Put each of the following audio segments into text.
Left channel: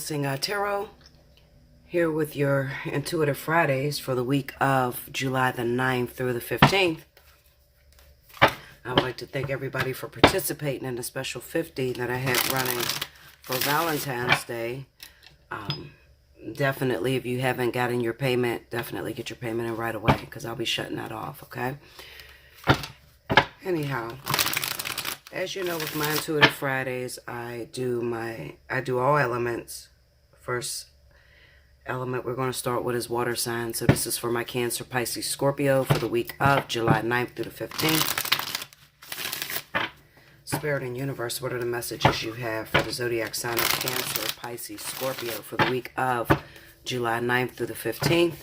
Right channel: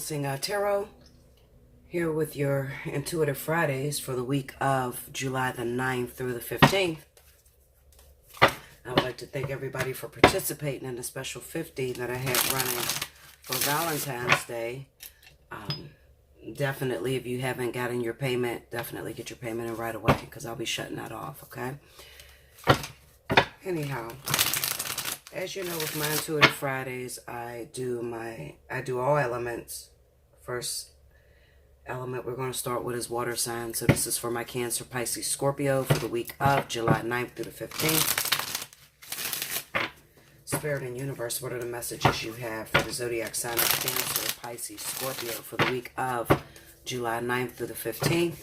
Allseeingeyetarot, here with your Intuitive Fridays for the week of July the 9th through the 15th. I would like to thank everybody for participating in the special 50 that I had running for Valentine's Day. Definitely, if you haven't gotten your payment, definitely get your payment in right away because I'll be shutting that off, okay? Anyhow, as you know, with my Intuitive Fridays, I do all elements. First element we're going to start with is water signs. So this is for my Cancer, Pisces, Scorpio for the week of July 9th through the 15th. Spirit and Universe, what are the messages you have for the zodiac sign of Cancer, Pisces, Scorpio for the week of July 9th through the 15th?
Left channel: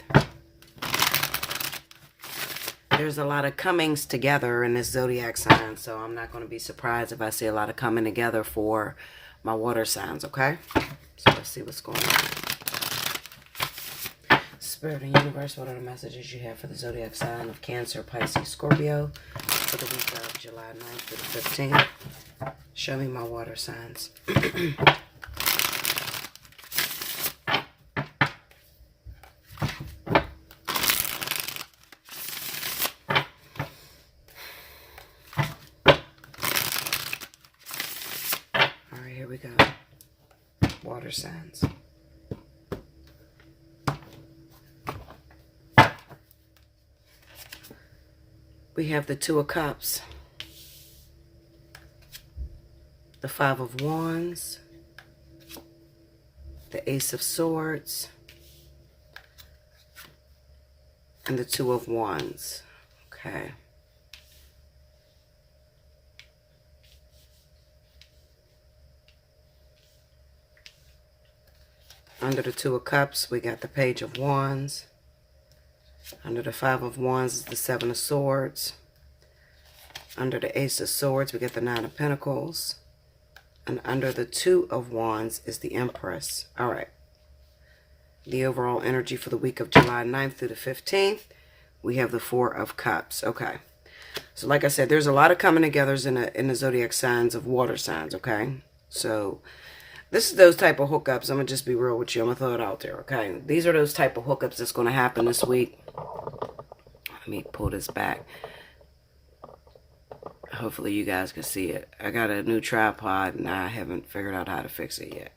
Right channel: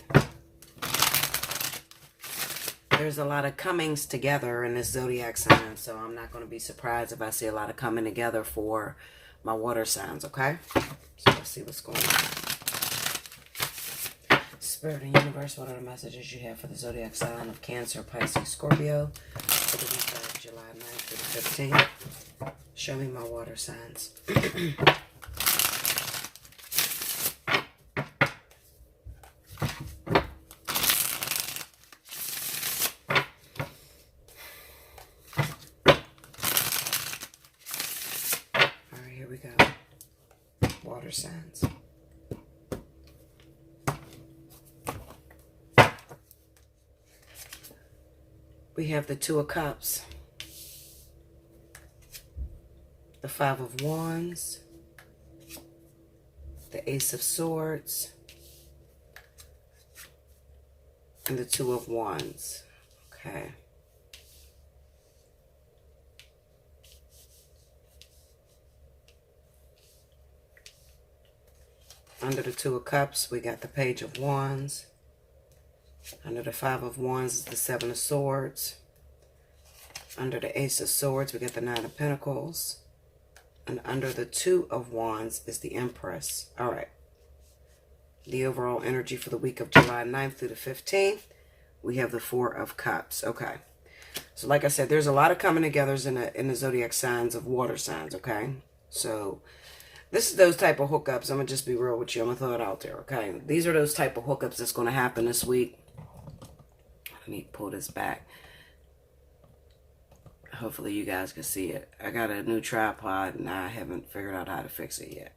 There's a lot of comings together in this zodiac sign, so I'm not going to be surprised if I see a lot of coming together for my water signs, okay? So let's see what's going on. Spirit and Universe, what are the messages you have for the zodiac sign of Cancer, Pisces, Scorpio for the week of July 9th through the 15th? Show me my water signs. Here we go. Water signs. We have the Two of Cups, the Five of Wands, the Ace of Swords, and the Two of Wands. Okay. Under the Two of Cups, we got the Page of Wands. Under the Five of Wands is the Seven of Swords. Under the Ace of Swords, we get the Nine of Pentacles. And under the Two of Wands is the Empress. All right. The overall energy for the week of July 9th through the 15th, we have the Four of Cups. Okay. So like I said, there's a lot of coming together in the zodiac signs of water signs, okay? So this is those type of hookups. I'm going to just be real with you. I'm going to throw it out there, okay? These are those type of hookups that's going to happen this week. Let me pull this back. Hopefully you guys can see it. I got a new tripod and I haven't figured out how to fix it yet.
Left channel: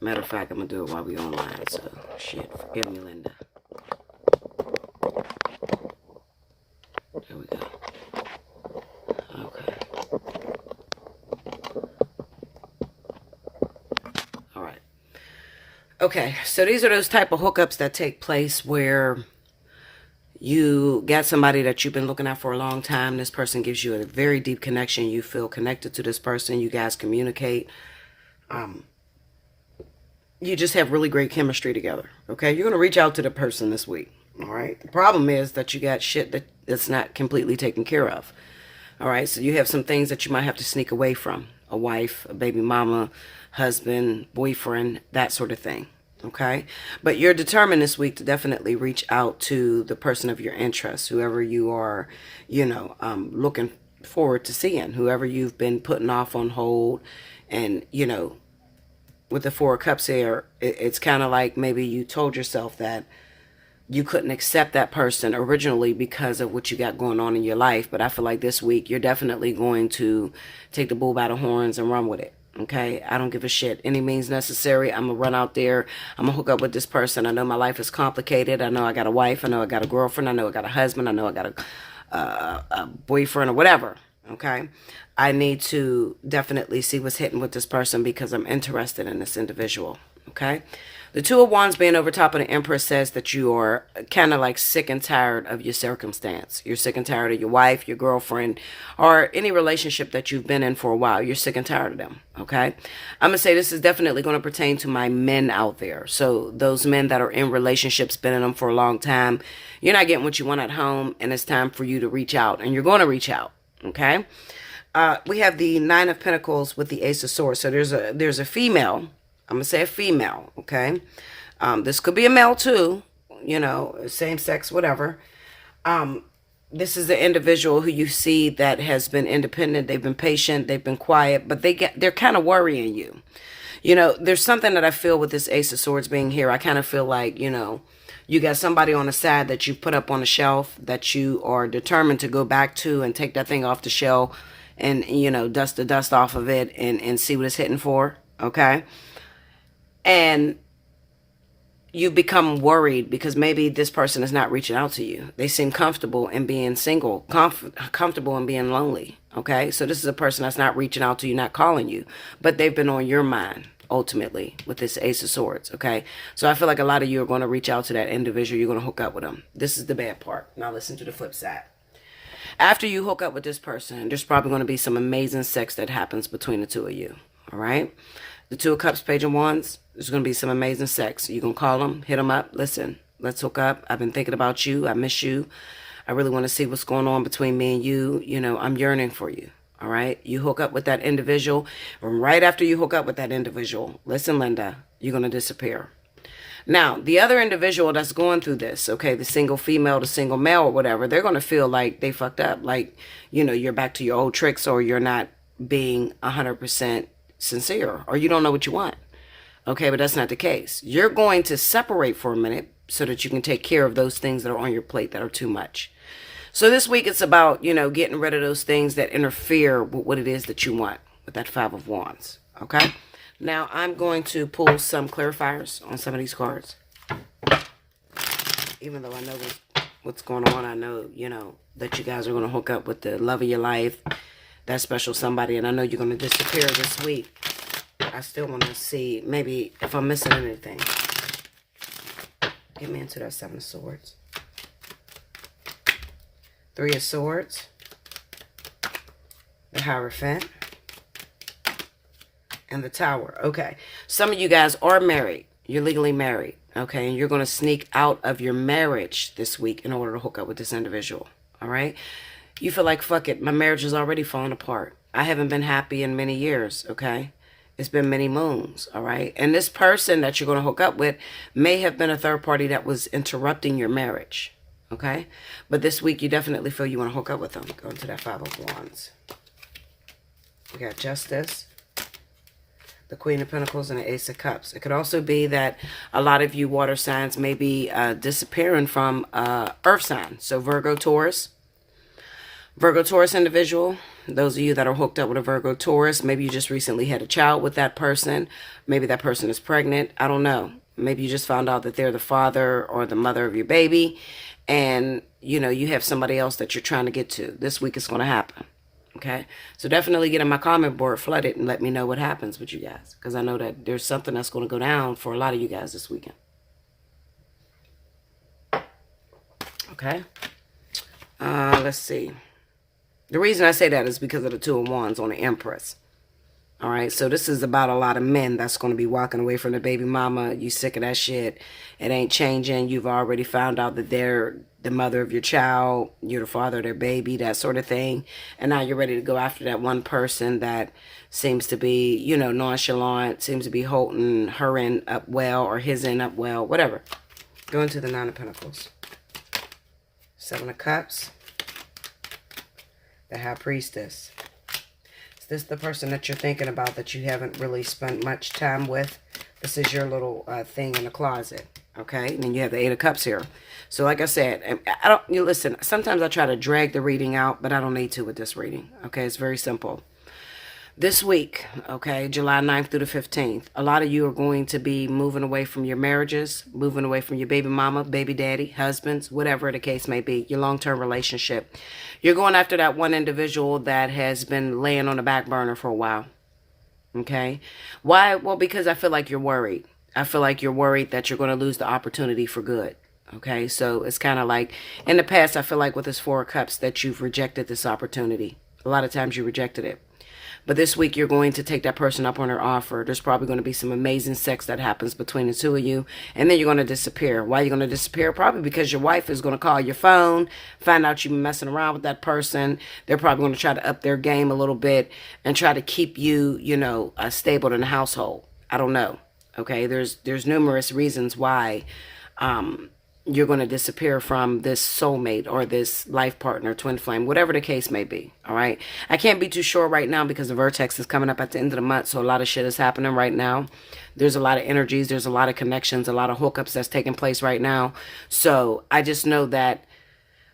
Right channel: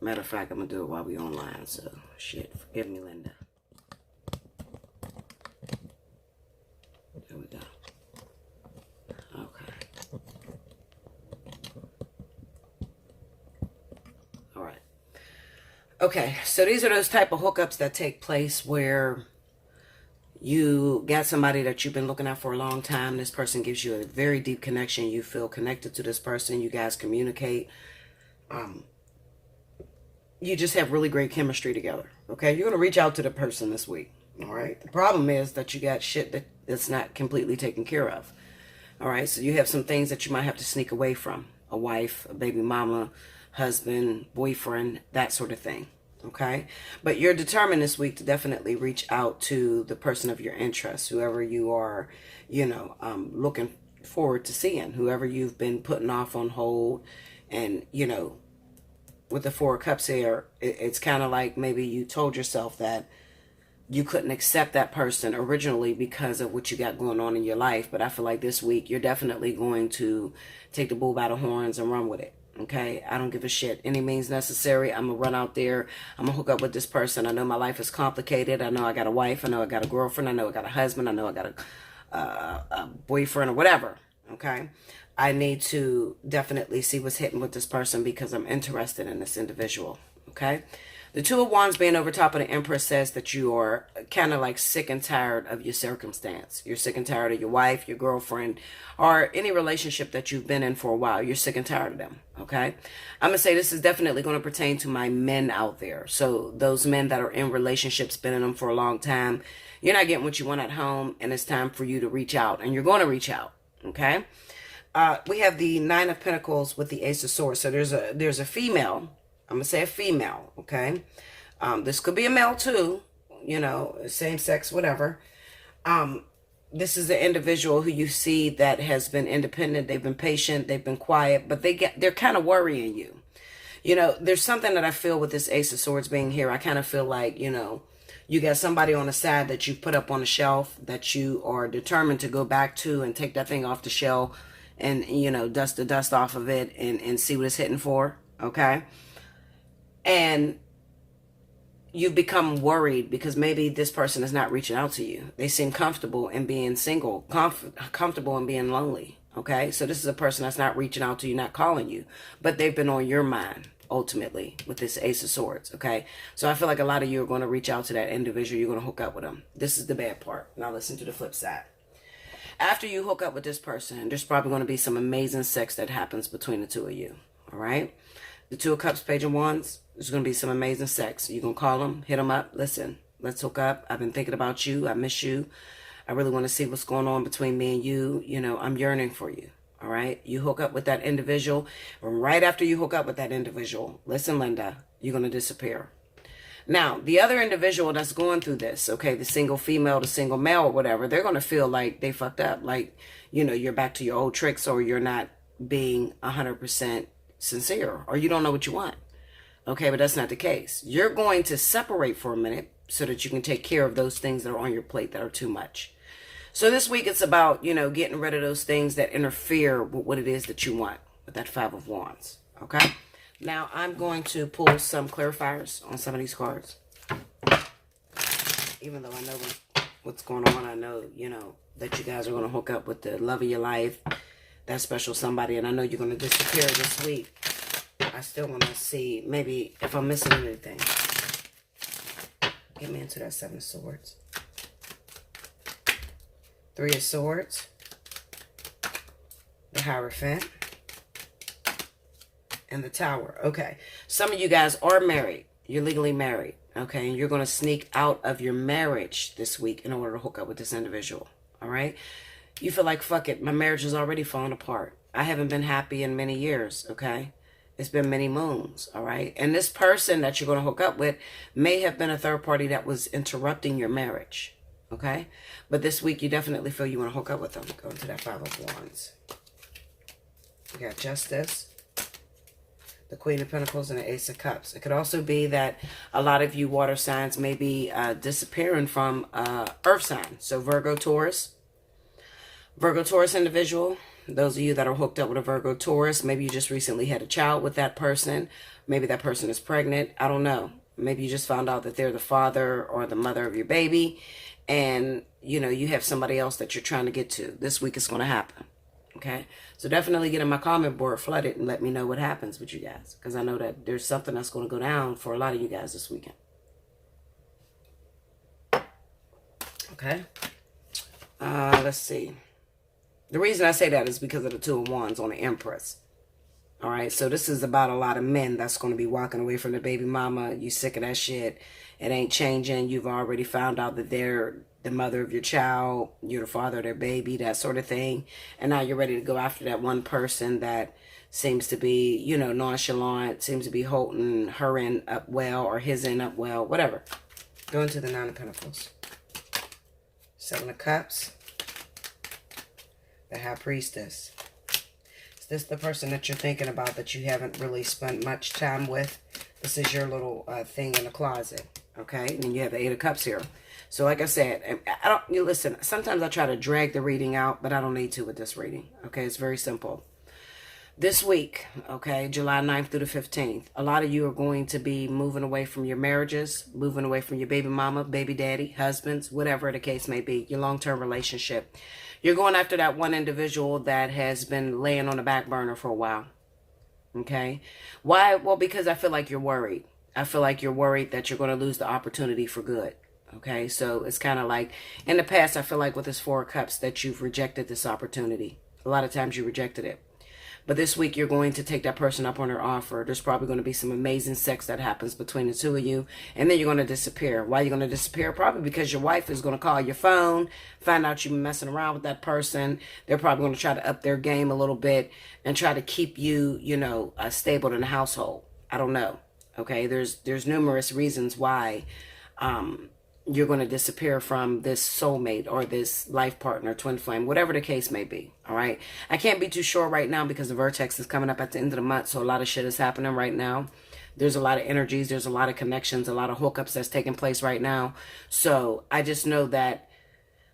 Matter of fact, I'm going to do it while we online. So, shit, forgive me, Linda. There we go. Okay. Okay, so these are those type of hookups that take place where you got somebody that you've been looking at for a long time. This person gives you a very deep connection. You feel connected to this person. You guys communicate. You just have really great chemistry together. Okay, you're going to reach out to the person this week. All right, the problem is that you got shit that's not completely taken care of. All right, so you have some things that you might have to sneak away from. A wife, a baby mama, husband, boyfriend, that sort of thing. Okay, but you're determined this week to definitely reach out to the person of your interest, whoever you are, looking forward to seeing, whoever you've been putting off on hold. And with the Four of Cups here, it's kind of like maybe you told yourself that you couldn't accept that person originally because of what you got going on in your life. But I feel like this week you're definitely going to take the bull by the horns and run with it. Okay, I don't give a shit. Any means necessary. I'm going to run out there. I'm going to hook up with this person. I know my life is complicated. I know I got a wife. I know I got a girlfriend. I know I got a husband. I know I got a boyfriend or whatever. Okay, I need to definitely see what's hitting with this person because I'm interested in this individual. Okay. The Two of Wands being over top of the Empress says that you are kind of like sick and tired of your circumstance. You're sick and tired of your wife, your girlfriend, or any relationship that you've been in for a while. You're sick and tired of them, okay? I'm going to say this is definitely going to pertain to my men out there. So those men that are in relationships, been in them for a long time, you're not getting what you want at home, and it's time for you to reach out, and you're going to reach out, okay? We have the Nine of Pentacles with the Ace of Swords. So there's a female. I'm going to say a female, okay? This could be a male too, same sex, whatever. This is an individual who you see that has been independent. They've been patient. They've been quiet, but they're kind of worrying you. There's something that I feel with this Ace of Swords being here. I kind of feel like, you got somebody on the side that you put up on the shelf that you are determined to go back to and take that thing off the shelf and, dust the dust off of it and see what it's hitting for. Okay. And you become worried because maybe this person is not reaching out to you. They seem comfortable in being single, comfortable in being lonely. Okay. So this is a person that's not reaching out to you, not calling you, but they've been on your mind ultimately with this Ace of Swords. Okay. So I feel like a lot of you are going to reach out to that individual. You're going to hook up with them. This is the bad part. Now listen to the flip side. After you hook up with this person, there's probably going to be some amazing sex that happens between the two of you. All right. The Two of Cups, Page of Wands, there's going to be some amazing sex. You can call them, hit them up. Listen, let's hook up. I've been thinking about you. I miss you. I really want to see what's going on between me and you. I'm yearning for you. All right. You hook up with that individual. And right after you hook up with that individual, listen, Linda, you're going to disappear. Now, the other individual that's going through this, okay, the single female, the single male or whatever, they're going to feel like they fucked up. Like, you're back to your old tricks or you're not being 100% sincere or you don't know what you want. Okay, but that's not the case. You're going to separate for a minute so that you can take care of those things that are on your plate that are too much. So this week it's about, getting rid of those things that interfere with what it is that you want with that Five of Wands. Okay, now I'm going to pull some clarifiers on some of these cards. Even though I know what's going on, I know, that you guys are going to hook up with the love of your life, that special somebody, and I know you're going to disappear this week. I still want to see maybe if I'm missing anything. Get me into that Seven of Swords. Three of Swords. The Hierophant. And the Tower. Okay. Some of you guys are married. You're legally married. Okay. And you're going to sneak out of your marriage this week in order to hook up with this individual. All right. You feel like, fuck it, my marriage is already falling apart. I haven't been happy in many years, okay? It's been many moons, all right? And this person that you're going to hook up with may have been a third party that was interrupting your marriage, okay? But this week, you definitely feel you want to hook up with them. Go into that Five of Wands. You got Justice, the Queen of Pentacles, and the Ace of Cups. It could also be that a lot of you water signs may be disappearing from earth signs. So Virgo, Taurus individual, those of you that are hooked up with a Virgo Taurus, maybe you just recently had a child with that person. Maybe that person is pregnant. I don't know. Maybe you just found out that they're the father or the mother of your baby. And, you have somebody else that you're trying to get to. This week it's going to happen. Okay. So definitely get on my comment board flooded and let me know what happens with you guys. Because I know that there's something that's going to go down for a lot of you guys this weekend. Okay. Let's see. The reason I say that is because of the Two of Wands on the Empress. All right. So this is about a lot of men that's going to be walking away from the baby mama. You sick of that shit. It ain't changing. You've already found out that they're the mother of your child. You're the father of their baby, that sort of thing. And now you're ready to go after that one person that seems to be, nonchalant, seems to be holding her end up well or his end up well, whatever. Go into the Nine of Pentacles. Seven of Cups. The High Priestess. Is this the person that you're thinking about that you haven't really spent much time with? This is your little thing in the closet. Okay? And then you have the Eight of Cups here. So like I said, listen, sometimes I try to drag the reading out, but I don't need to with this reading. Okay? It's very simple. This week, okay, July 9th through the 15th, a lot of you are going to be moving away from your marriages, moving away from your baby mama, baby daddy, husbands, whatever the case may be, your long-term relationship. You're going after that one individual that has been laying on the back burner for a while, okay? Why? Well, because I feel like you're worried. I feel like you're worried that you're going to lose the opportunity for good, okay? So it's kind of like, in the past, I feel like with this Four of Cups that you've rejected this opportunity. A lot of times you rejected it. But this week, you're going to take that person up on their offer. There's probably going to be some amazing sex that happens between the two of you. And then you're going to disappear. Why are you going to disappear? Probably because your wife is going to call your phone, find out you've been messing around with that person. They're probably going to try to up their game a little bit and try to keep you, stable in the household. I don't know. Okay, there's numerous reasons why you're going to disappear from this soulmate or this life partner, twin flame, whatever the case may be. All right. I can't be too sure right now because the vertex is coming up at the end of the month. So a lot of shit is happening right now. There's a lot of energies. There's a lot of connections, a lot of hookups that's taking place right now. So I just know that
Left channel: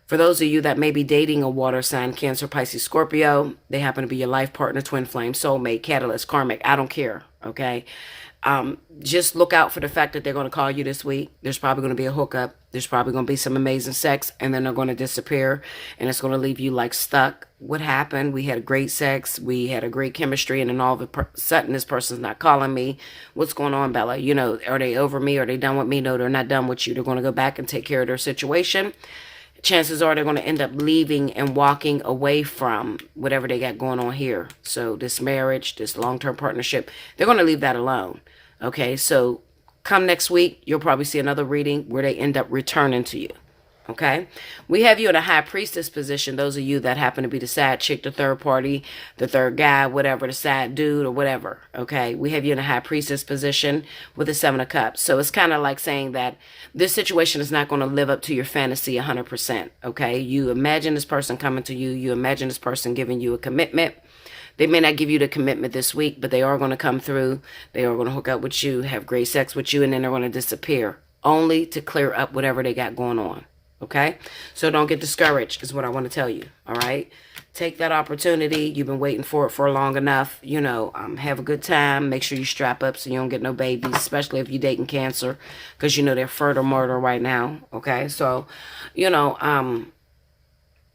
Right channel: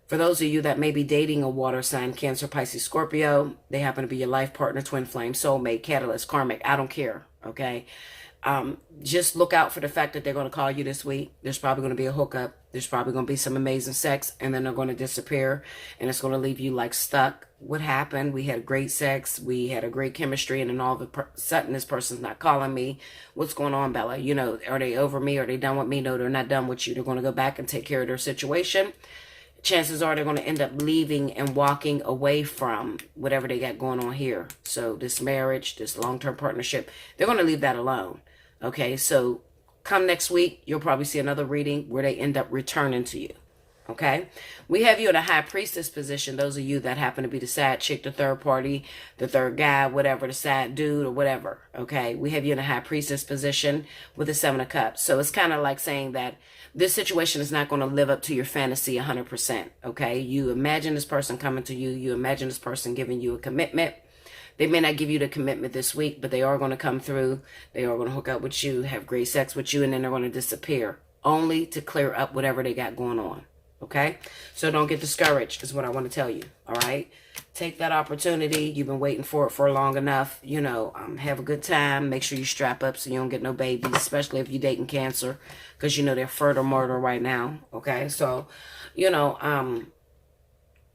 for those of you that may be dating a water sign, Cancer, Pisces, Scorpio, they happen to be your life partner, twin flame, soulmate, catalyst, karmic. I don't care. Okay. Just look out for the fact that they're going to call you this week. There's probably going to be a hookup. There's probably going to be some amazing sex, and then they're going to disappear, and it's going to leave you like stuck. What happened? We had great sex. We had a great chemistry, and then all of a sudden this person's not calling me. What's going on, Bella? You know, are they over me? Are they done with me? No, they're not done with you. They're going to go back and take care of their situation. Chances are they're going to end up leaving and walking away from whatever they got going on here. So this marriage, this long-term partnership, they're going to leave that alone. Okay, so come next week, you'll probably see another reading where they end up returning to you. Okay, we have you in a high priestess position. Those of you that happen to be the side chick, the third party, the third guy, whatever, the side dude or whatever. Okay, we have you in a high priestess position with the 7 of Cups. So it's kind of like saying that this situation is not going to live up to your fantasy 100%. Okay, you imagine this person coming to you. You imagine this person giving you a commitment. They may not give you the commitment this week, but they are going to come through. They are going to hook up with you, have great sex with you, and then they're going to disappear, only to clear up whatever they got going on. Okay? So don't get discouraged is what I want to tell you. All right? Take that opportunity. You've been waiting for it for long enough. You know, have a good time. Make sure you strap up so you don't get no babies, especially if you're dating Cancer, because you know they're fertile murder right now. Okay? So, you know,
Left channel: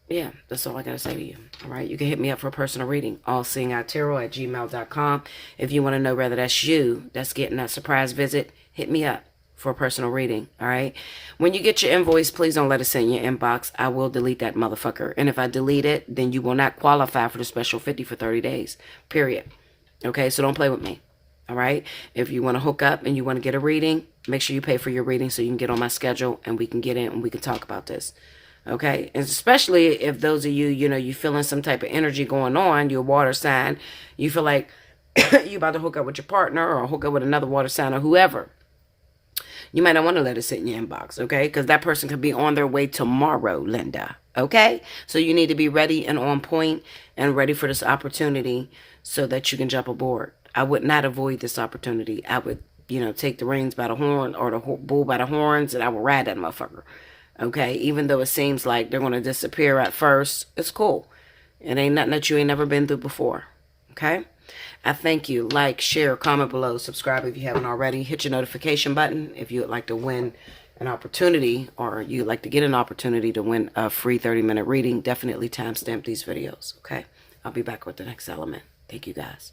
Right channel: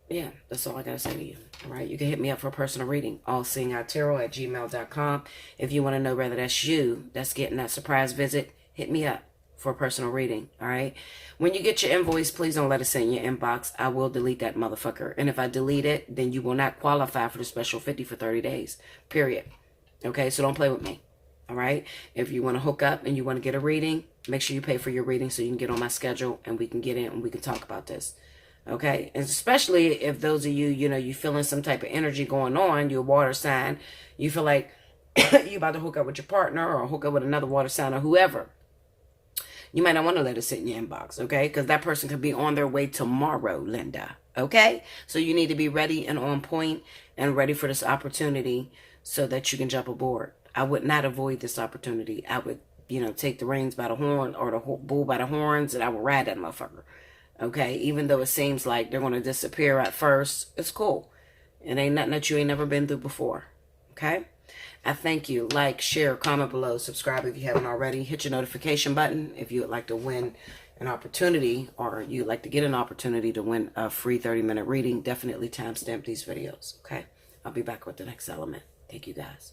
yeah, that's all I got to say to you. All right. You can hit me up for a personal reading. Allseeingeyetarot@gmail.com. If you want to know whether that's you that's getting that surprise visit, hit me up for a personal reading. All right. When you get your invoice, please don't let it sit in your inbox. I will delete that motherfucker. And if I delete it, then you will not qualify for the special 50 for 30 days. Period. Okay. So don't play with me. All right. If you want to hook up and you want to get a reading, make sure you pay for your reading so you can get on my schedule and we can get in and we can talk about this. Okay, and especially if those of you, you know, you feeling some type of energy going on, you're a water sign, you feel like you're about to hook up with your partner or hook up with another water sign or whoever. You might not want to let it sit in your inbox, okay? Because that person could be on their way tomorrow, Linda, okay? So you need to be ready and on point and ready for this opportunity so that you can jump aboard. I would not avoid this opportunity. I would, you know, take the reins by the horn or the bull by the horns and I would ride that motherfucker. Okay, even though it seems like they're going to disappear at first, it's cool. It ain't nothing that you ain't never been through before. Okay, I thank you. Like, share, comment below, subscribe if you haven't already. Hit your notification button if you would like to win an opportunity or you'd like to get an opportunity to win a free 30-minute reading. Definitely timestamp these videos. Okay, I'll be back with the next element. Thank you guys.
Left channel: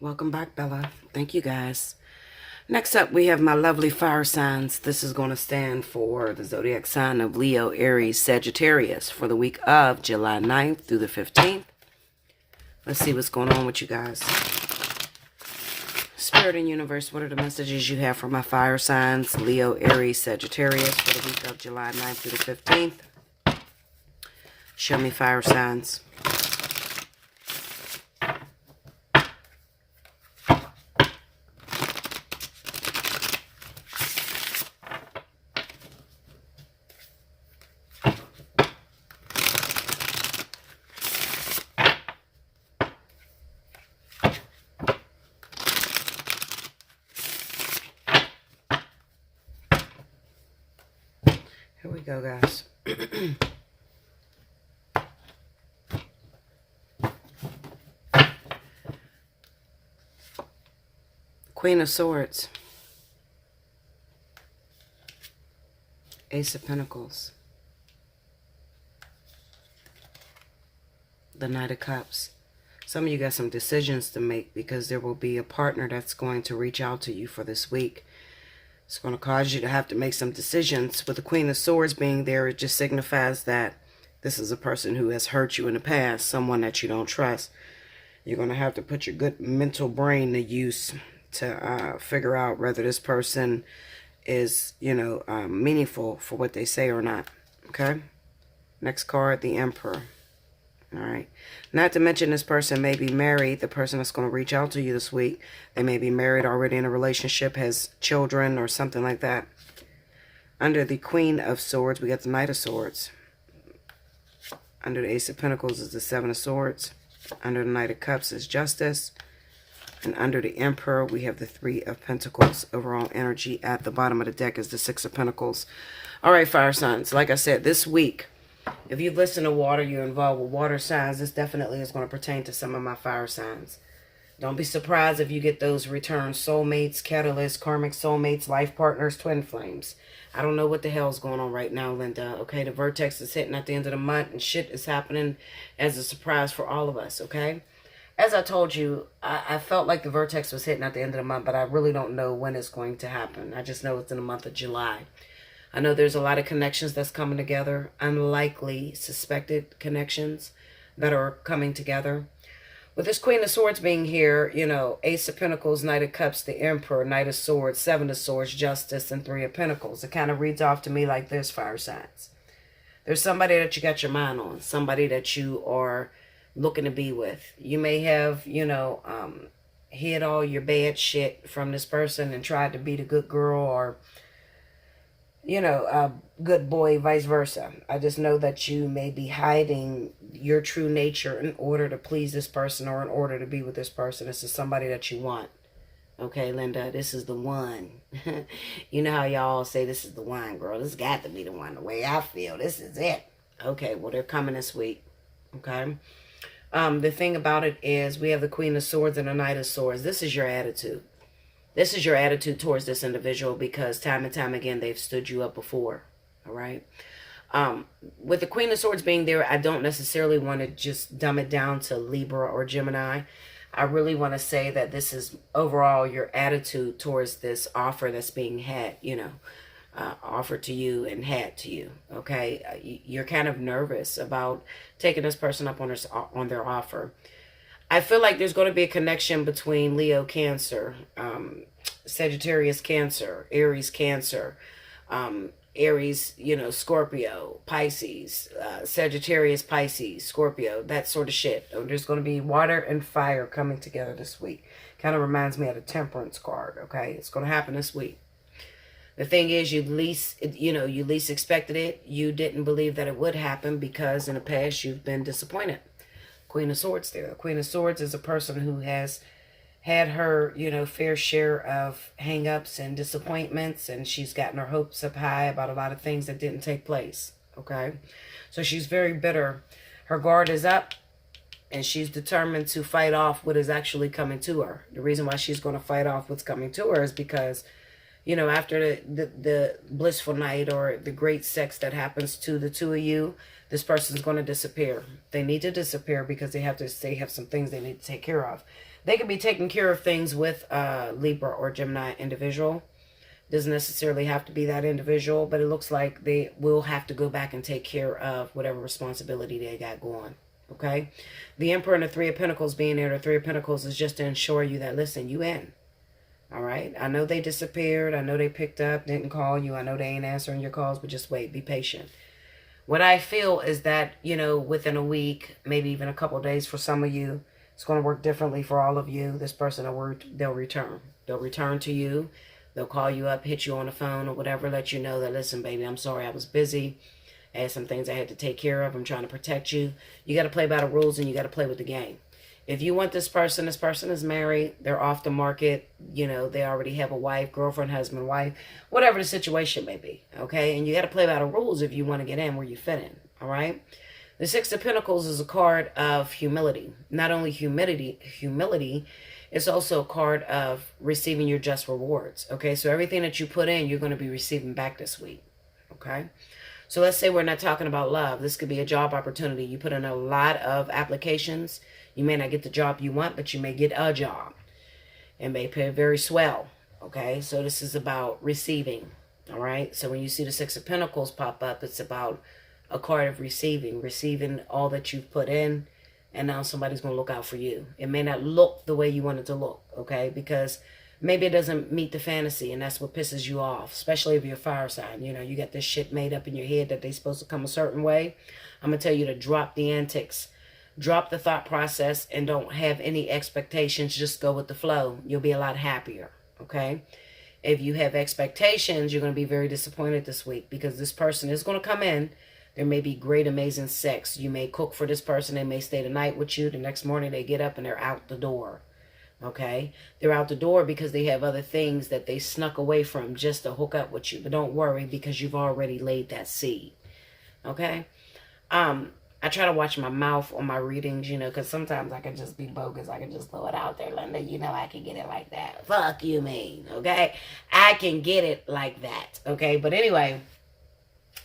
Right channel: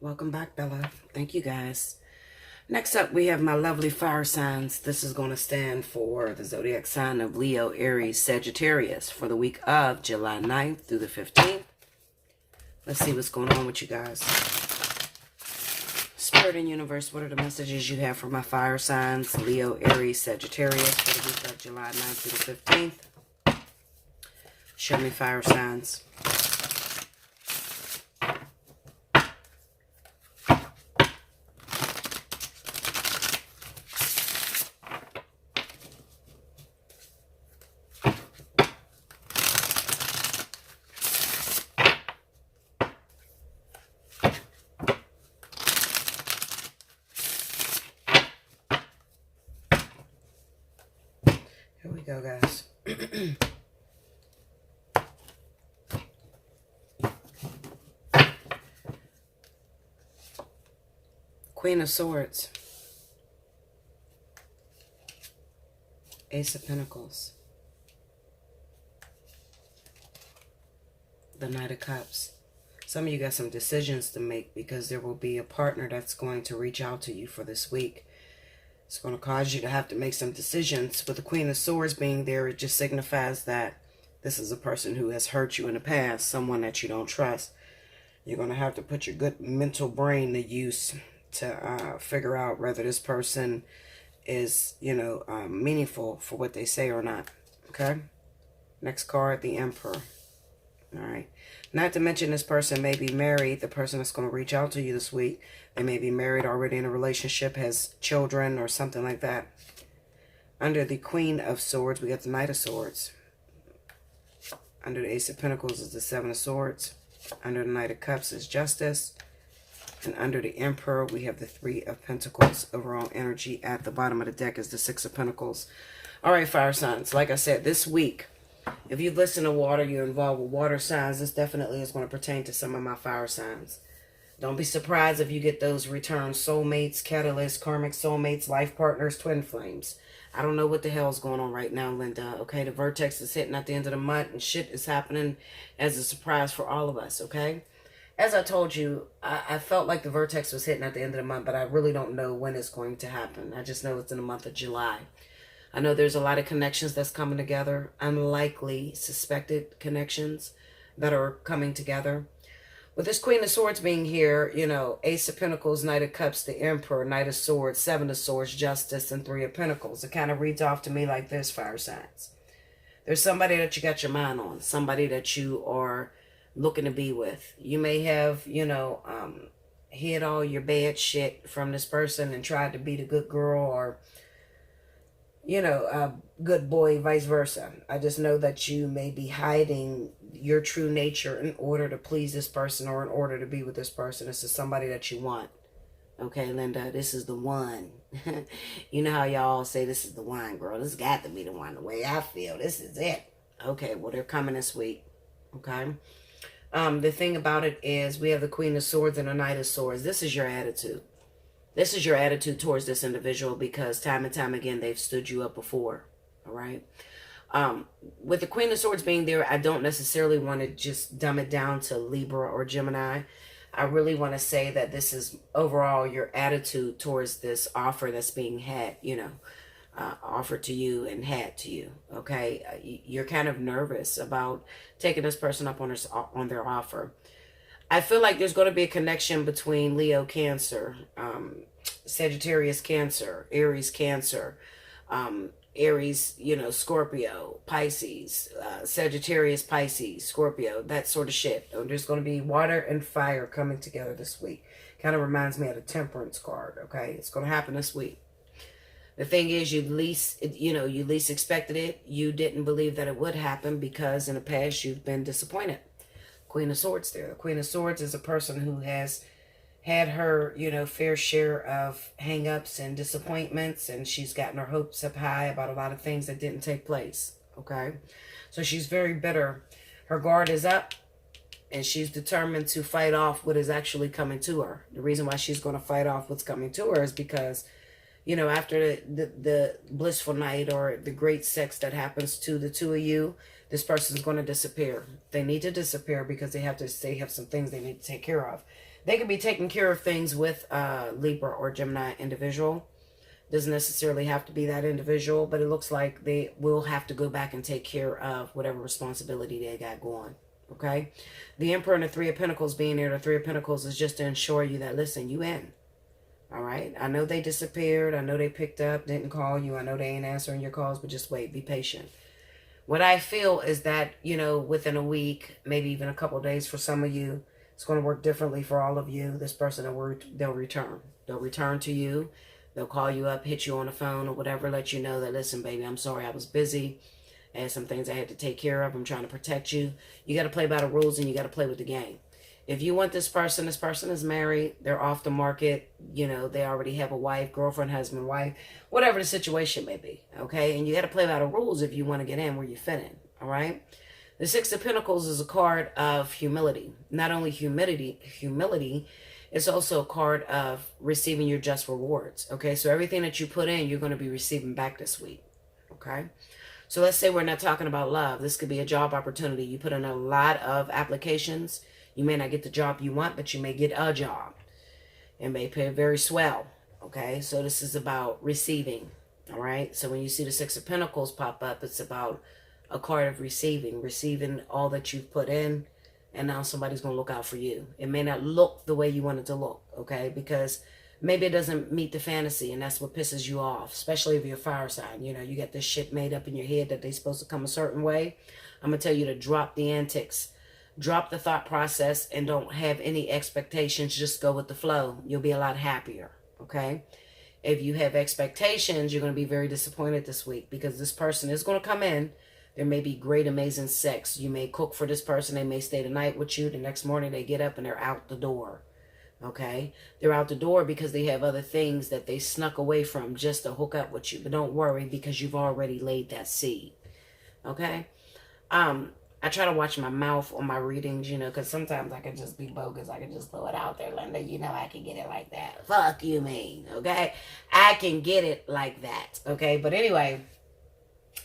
Welcome back, Bella. Thank you guys. Next up, we have my lovely fire signs. This is going to stand for the zodiac sign of Leo, Aries, Sagittarius for the week of July 9th through the 15th. Let's see what's going on with you guys. Spirit and universe, what are the messages you have for my fire signs? Leo, Aries, Sagittarius for the week of July 9th through the 15th. Show me fire signs. Here we go, guys. Queen of Swords. Ace of Pentacles. The Knight of Cups. Some of you got some decisions to make because there will be a partner that's going to reach out to you for this week. It's going to cause you to have to make some decisions. With the Queen of Swords being there, it just signifies that this is a person who has hurt you in the past, someone that you don't trust. You're going to have to put your good mental brain to use to figure out whether this person is, you know, meaningful for what they say or not. Okay? Next card, the Emperor. All right. Not to mention this person may be married. The person that's going to reach out to you this week. They may be married, already in a relationship, has children or something like that. Under the Queen of Swords, we got the Knight of Swords. Under the Ace of Pentacles is the Seven of Swords. Under the Knight of Cups is Justice. And under the Emperor, we have the Three of Pentacles. Overall energy at the bottom of the deck is the Six of Pentacles. All right, fire signs. Like I said, this week, if you've listened to water, you're involved with water signs, this definitely is going to pertain to some of my fire signs. Don't be surprised if you get those return soulmates, catalysts, karmic soulmates, life partners, twin flames. I don't know what the hell's going on right now, Linda. Okay, the vertex is hitting at the end of the month and shit is happening as a surprise for all of us, okay? As I told you, I felt like the vertex was hitting at the end of the month, but I really don't know when it's going to happen. I just know it's in the month of July. I know there's a lot of connections that's coming together, unlikely suspected connections that are coming together. With this Queen of Swords being here, you know, Ace of Pentacles, Knight of Cups, the Emperor, Knight of Swords, Seven of Swords, Justice, and Three of Pentacles. It kind of reads off to me like this, fire signs. There's somebody that you got your mind on, somebody that you are looking to be with. You may have, you know, hid all your bad shit from this person and tried to be the good girl or, you know, a good boy, vice versa. I just know that you may be hiding your true nature in order to please this person or in order to be with this person. This is somebody that you want. Okay, Linda, this is the one. You know how y'all say this is the one, girl. This got to be the one. The way I feel, this is it. Okay, well, they're coming this week. Okay. The thing about it is we have the Queen of Swords and the Knight of Swords. This is your attitude. This is your attitude towards this individual because time and time again, they've stood you up before. All right. With the Queen of Swords being there, I don't necessarily want to just dumb it down to Libra or Gemini. I really want to say that this is overall your attitude towards this offer that's being had, you know, offered to you and had to you. Okay. You're kind of nervous about taking this person up on their offer. I feel like there's going to be a connection between Leo, Cancer, Sagittarius, Cancer, Aries, Cancer, Aries, you know, Scorpio, Pisces, Sagittarius, Pisces, Scorpio, that sort of shit. There's going to be water and fire coming together this week. Kind of reminds me of the Temperance card, okay? It's going to happen this week. The thing is, you least expected it. You didn't believe that it would happen because in the past you've been disappointed. Queen of Swords there. The Queen of Swords is a person who has had her, you know, fair share of hang-ups and disappointments, and she's gotten her hopes up high about a lot of things that didn't take place, okay? So she's very bitter. Her guard is up, and she's determined to fight off what is actually coming to her. The reason why she's going to fight off what's coming to her is because, you know, after the blissful night or the great sex that happens to the two of you, this person's going to disappear. They need to disappear because they have some things they need to take care of. They could be taking care of things with a Libra or Gemini individual. Doesn't necessarily have to be that individual, but it looks like they will have to go back and take care of whatever responsibility they got going. Okay? The Emperor and the Three of Pentacles being there, the Three of Pentacles is just to ensure you that, listen, you in. All right? I know they disappeared. I know they picked up, didn't call you. I know they ain't answering your calls, but just wait. Be patient. What I feel is that, you know, within a week, maybe even a couple of days for some of you, it's going to work differently for all of you. This person, they'll return. They'll return to you. They'll call you up, hit you on the phone or whatever, let you know that, listen, baby, I'm sorry, I was busy. I had some things I had to take care of. I'm trying to protect you. You got to play by the rules and you got to play with the game. If you want this person is married. They're off the market. You know, they already have a wife, girlfriend, husband, wife, whatever the situation may be. Okay. And you got to play by the rules if you want to get in where you fit in. All right. The Six of Pentacles is a card of humility. Not only humility, it's also a card of receiving your just rewards. Okay. So everything that you put in, you're going to be receiving back this week. Okay. So let's say we're not talking about love. This could be a job opportunity. You put in a lot of applications. You may not get the job you want, but you may get a job. It may pay very swell. Okay, so this is about receiving. All right, so when you see the Six of Pentacles pop up, it's about a card of receiving all that you've put in, and now somebody's going to look out for you. It may not look the way you want it to look, okay, because maybe it doesn't meet the fantasy, and that's what pisses you off, especially if you're a fire sign. You know, you got this shit made up in your head that they're supposed to come a certain way. I'm going to tell you to drop the antics. Drop the thought process and don't have any expectations. Just go with the flow. You'll be a lot happier, okay? If you have expectations, you're going to be very disappointed this week, because this person is going to come in. There may be great, amazing sex. You may cook for this person. They may stay the night with you. The next morning they get up and they're out the door. Okay? They're out the door because they have other things that they snuck away from just to hook up with you. But don't worry, because you've already laid that seed. Okay? I try to watch my mouth on my readings, you know, because sometimes I can just be bogus. I can just throw it out there, Linda. You know, I can get it like that. Fuck you mean, okay? I can get it like that, okay? But anyway,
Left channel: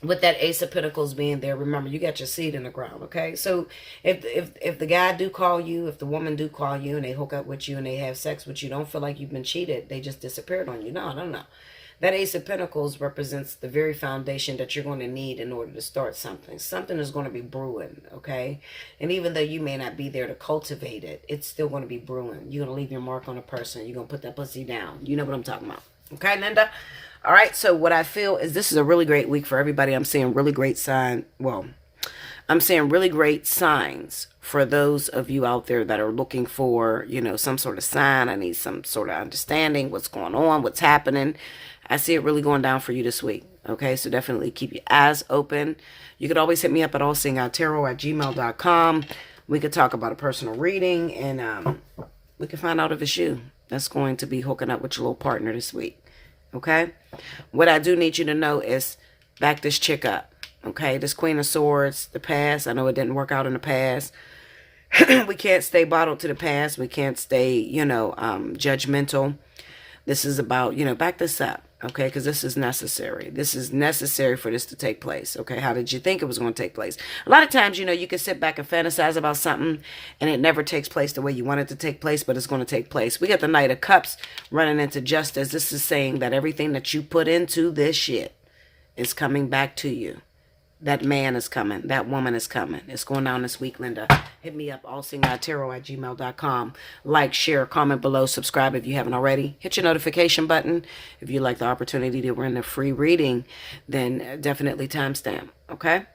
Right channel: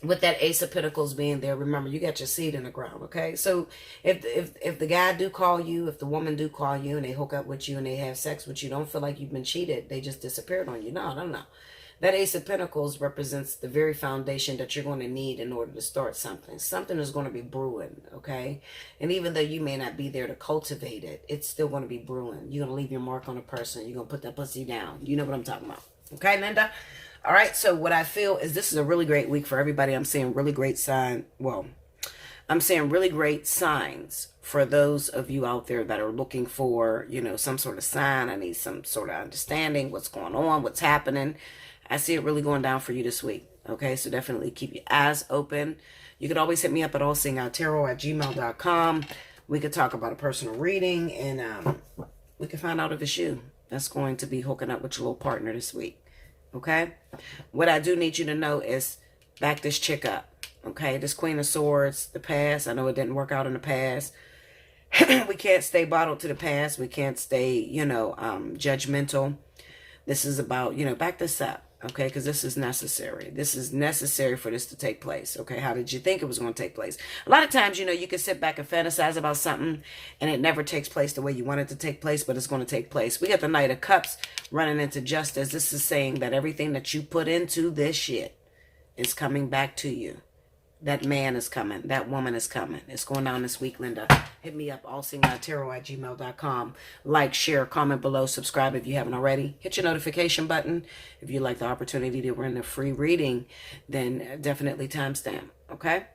with that Ace of Pentacles being there, remember, you got your seed in the ground, okay? So if the guy do call you, if the woman do call you and they hook up with you and they have sex with you, don't feel like you've been cheated. They just disappeared on you. No. That Ace of Pentacles represents the very foundation that you're going to need in order to start something. Something is going to be brewing, okay? And even though you may not be there to cultivate it, it's still going to be brewing. You're going to leave your mark on a person. You're going to put that pussy down. You know what I'm talking about. Okay, Linda? All right, so what I feel is this is a really great week for everybody. I'm seeing really great sign. Well, I'm seeing really great signs for those of you out there that are looking for, you know, some sort of sign. I need some sort of understanding what's going on, what's happening. I see it really going down for you this week. Okay, so definitely keep your eyes open. You could always hit me up at allseeingeyetarot@gmail.com. We could talk about a personal reading, and we can find out if it's you that's going to be hooking up with your little partner this week. Okay? What I do need you to know is back this chick up. Okay? This Queen of Swords, the past. I know it didn't work out in the past. We can't stay bottled to the past. We can't stay, you know, judgmental. This is about, you know, back this up. Okay, because this is necessary. This is necessary for this to take place. Okay, how did you think it was going to take place? A lot of times, you know, you can sit back and fantasize about something and it never takes place the way you want it to take place, but it's going to take place. We got the Knight of Cups running into Justice. This is saying that everything that you put into this shit is coming back to you. That man is coming. That woman is coming. It's going down this week, Linda. Hit me up, allseeingeyetarot@gmail.com. Like, share, comment below, subscribe if you haven't already. Hit your notification button. If you like the opportunity to win the free reading, then definitely timestamp, okay?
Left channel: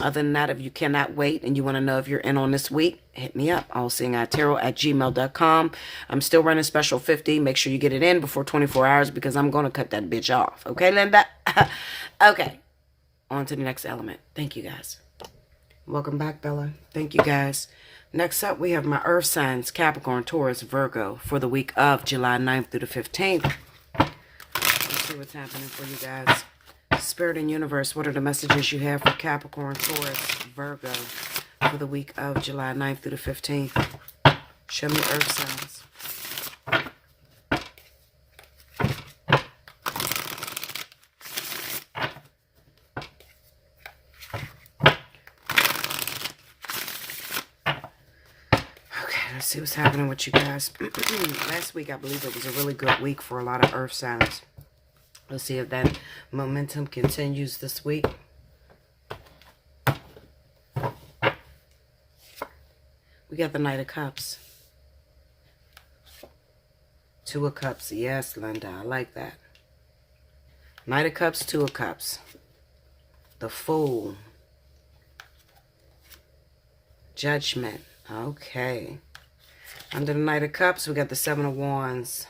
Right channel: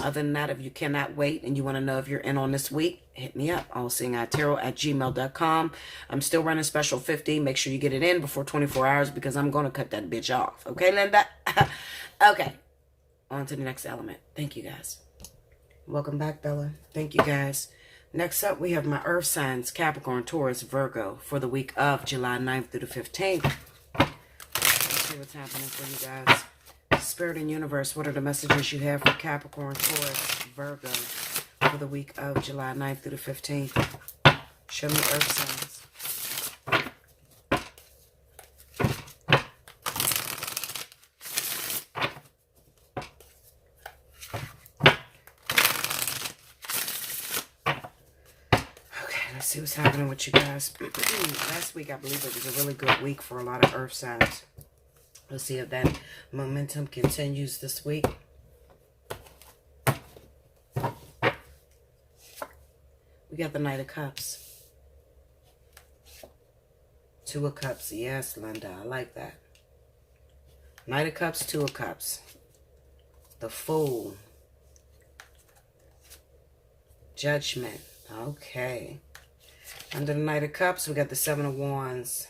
Other than that, if you cannot wait and you want to know if you're in on this week, hit me up, allseeingeyetarot@gmail.com. I'm still running special 50. Make sure you get it in before 24 hours because I'm going to cut that bitch off. Okay, Linda? Okay. On to the next element. Thank you, guys. Welcome back, Bella. Thank you, guys. Next up, we have my Earth signs, Capricorn, Taurus, Virgo, for the week of July 9th through the 15th. Let's see what's happening for you guys. Spirit and Universe, what are the messages you have for Capricorn, Taurus, Virgo, for the week of July 9th through the 15th? Show me Earth signs. Let's see what's happening with you guys. Last week, I believe it was a really good week for a lot of Earth signs. Let's see if that momentum continues this week. We got the Knight of Cups. Two of Cups. Yes, Linda, I like that. Knight of Cups, Two of Cups. The Fool. Judgment. Okay. Under the Knight of Cups, we got the Seven of Wands.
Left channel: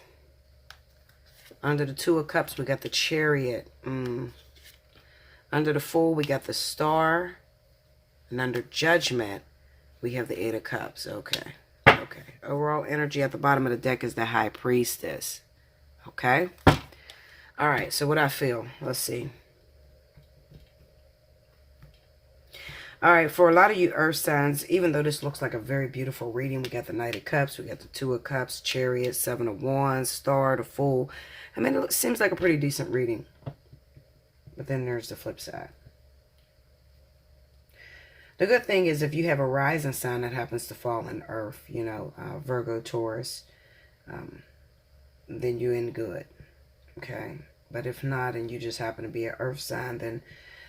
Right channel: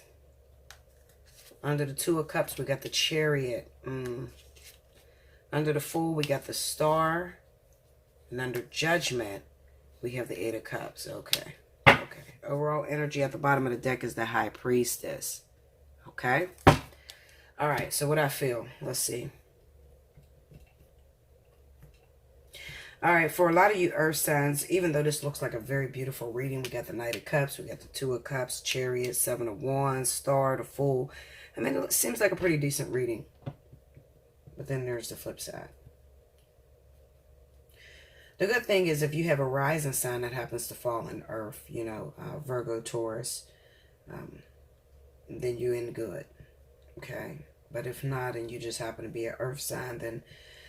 Under the Two of Cups, we got the Chariot. Under the Fool, we got the Star. And under Judgment, we have the Eight of Cups. Okay. Okay. Overall energy at the bottom of the deck is the High Priestess. Okay. All right. So what I feel. Let's see. All right, for a lot of you Earth signs, even though this looks like a very beautiful reading, we got the Knight of Cups, we got the Two of Cups, Chariot, Seven of Wands, Star, the Fool. I mean, it seems like a pretty decent reading. But then there's the flip side. The good thing is if you have a rising sign that happens to fall in Earth, you know, Virgo, Taurus, then you're in good, okay? But if not, and you just happen to be an Earth sign, then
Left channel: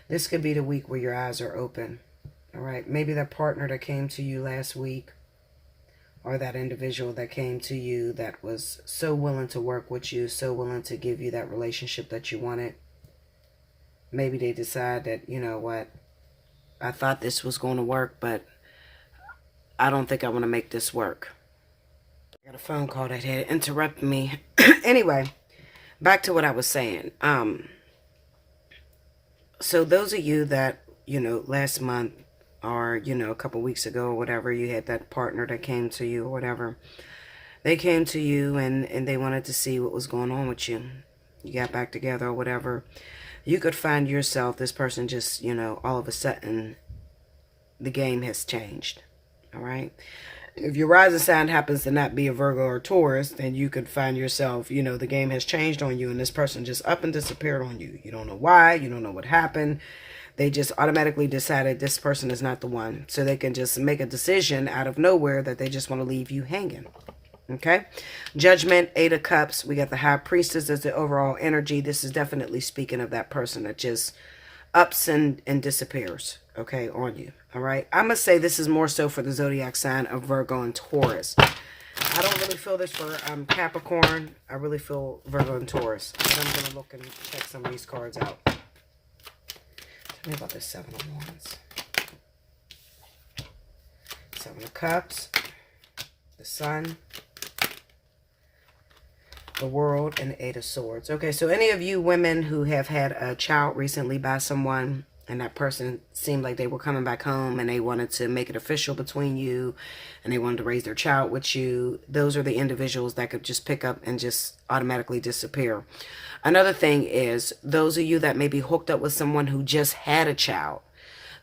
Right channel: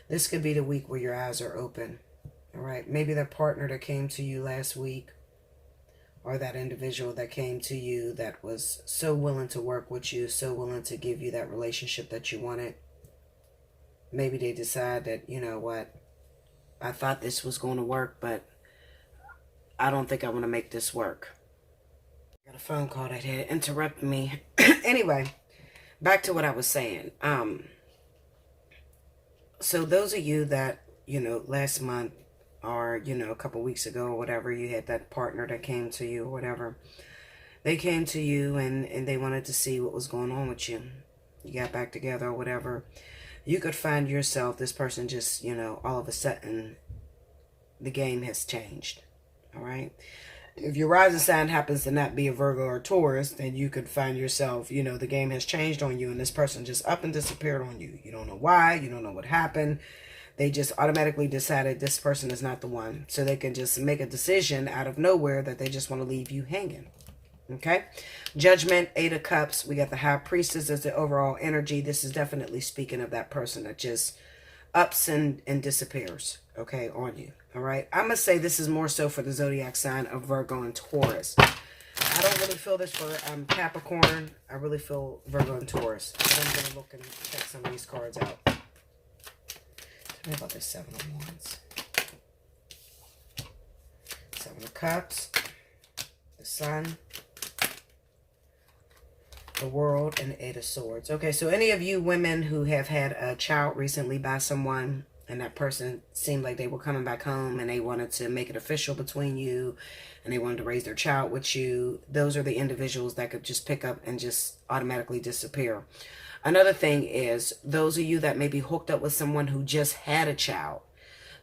this could be the week where your eyes are open. All right, maybe that partner that came to you last week, or that individual that came to you that was so willing to work with you, so willing to give you that relationship that you wanted. Maybe they decide that, you know what, I thought this was going to work, but I don't think I want to make this work. I got a phone call that had interrupted me. Anyway, Back to what I was saying. So those of you that, last month or, a couple weeks ago or whatever, you had that partner that came to you or whatever. They came to you and they wanted to see what was going on with you. You got back together or whatever. You could find yourself, this person just, all of a sudden, the game has changed. All right. If your rising sign happens to not be a Virgo or Taurus, then you could find yourself, the game has changed on you and this person just up and disappeared on you. You don't know why. You don't know what happened. They just automatically decided this person is not the one. So they can just make a decision out of nowhere that they just want to leave you hanging. Okay. Judgment, 8 of Cups. We got the High Priestess as the overall energy. This is definitely speaking of that person that just ups and disappears, okay, on you. All right. I'm going to say this is more so for the zodiac sign of Virgo and Taurus. I don't really feel this for Capricorn. I really feel Virgo and Taurus. But I'm going to look and check some of these cards out. Tell me about this 7 of Wands. 7 of Cups. The Sun. The World, and the 8 of Swords. Okay, so any of you women who have had a child recently by someone, and that person seemed like they were coming back home and they wanted to make it official between you, and they wanted to raise their child with you, those are the individuals that could just pick up and just automatically disappear. Another thing is, those of you that may be hooked up with someone who just had a child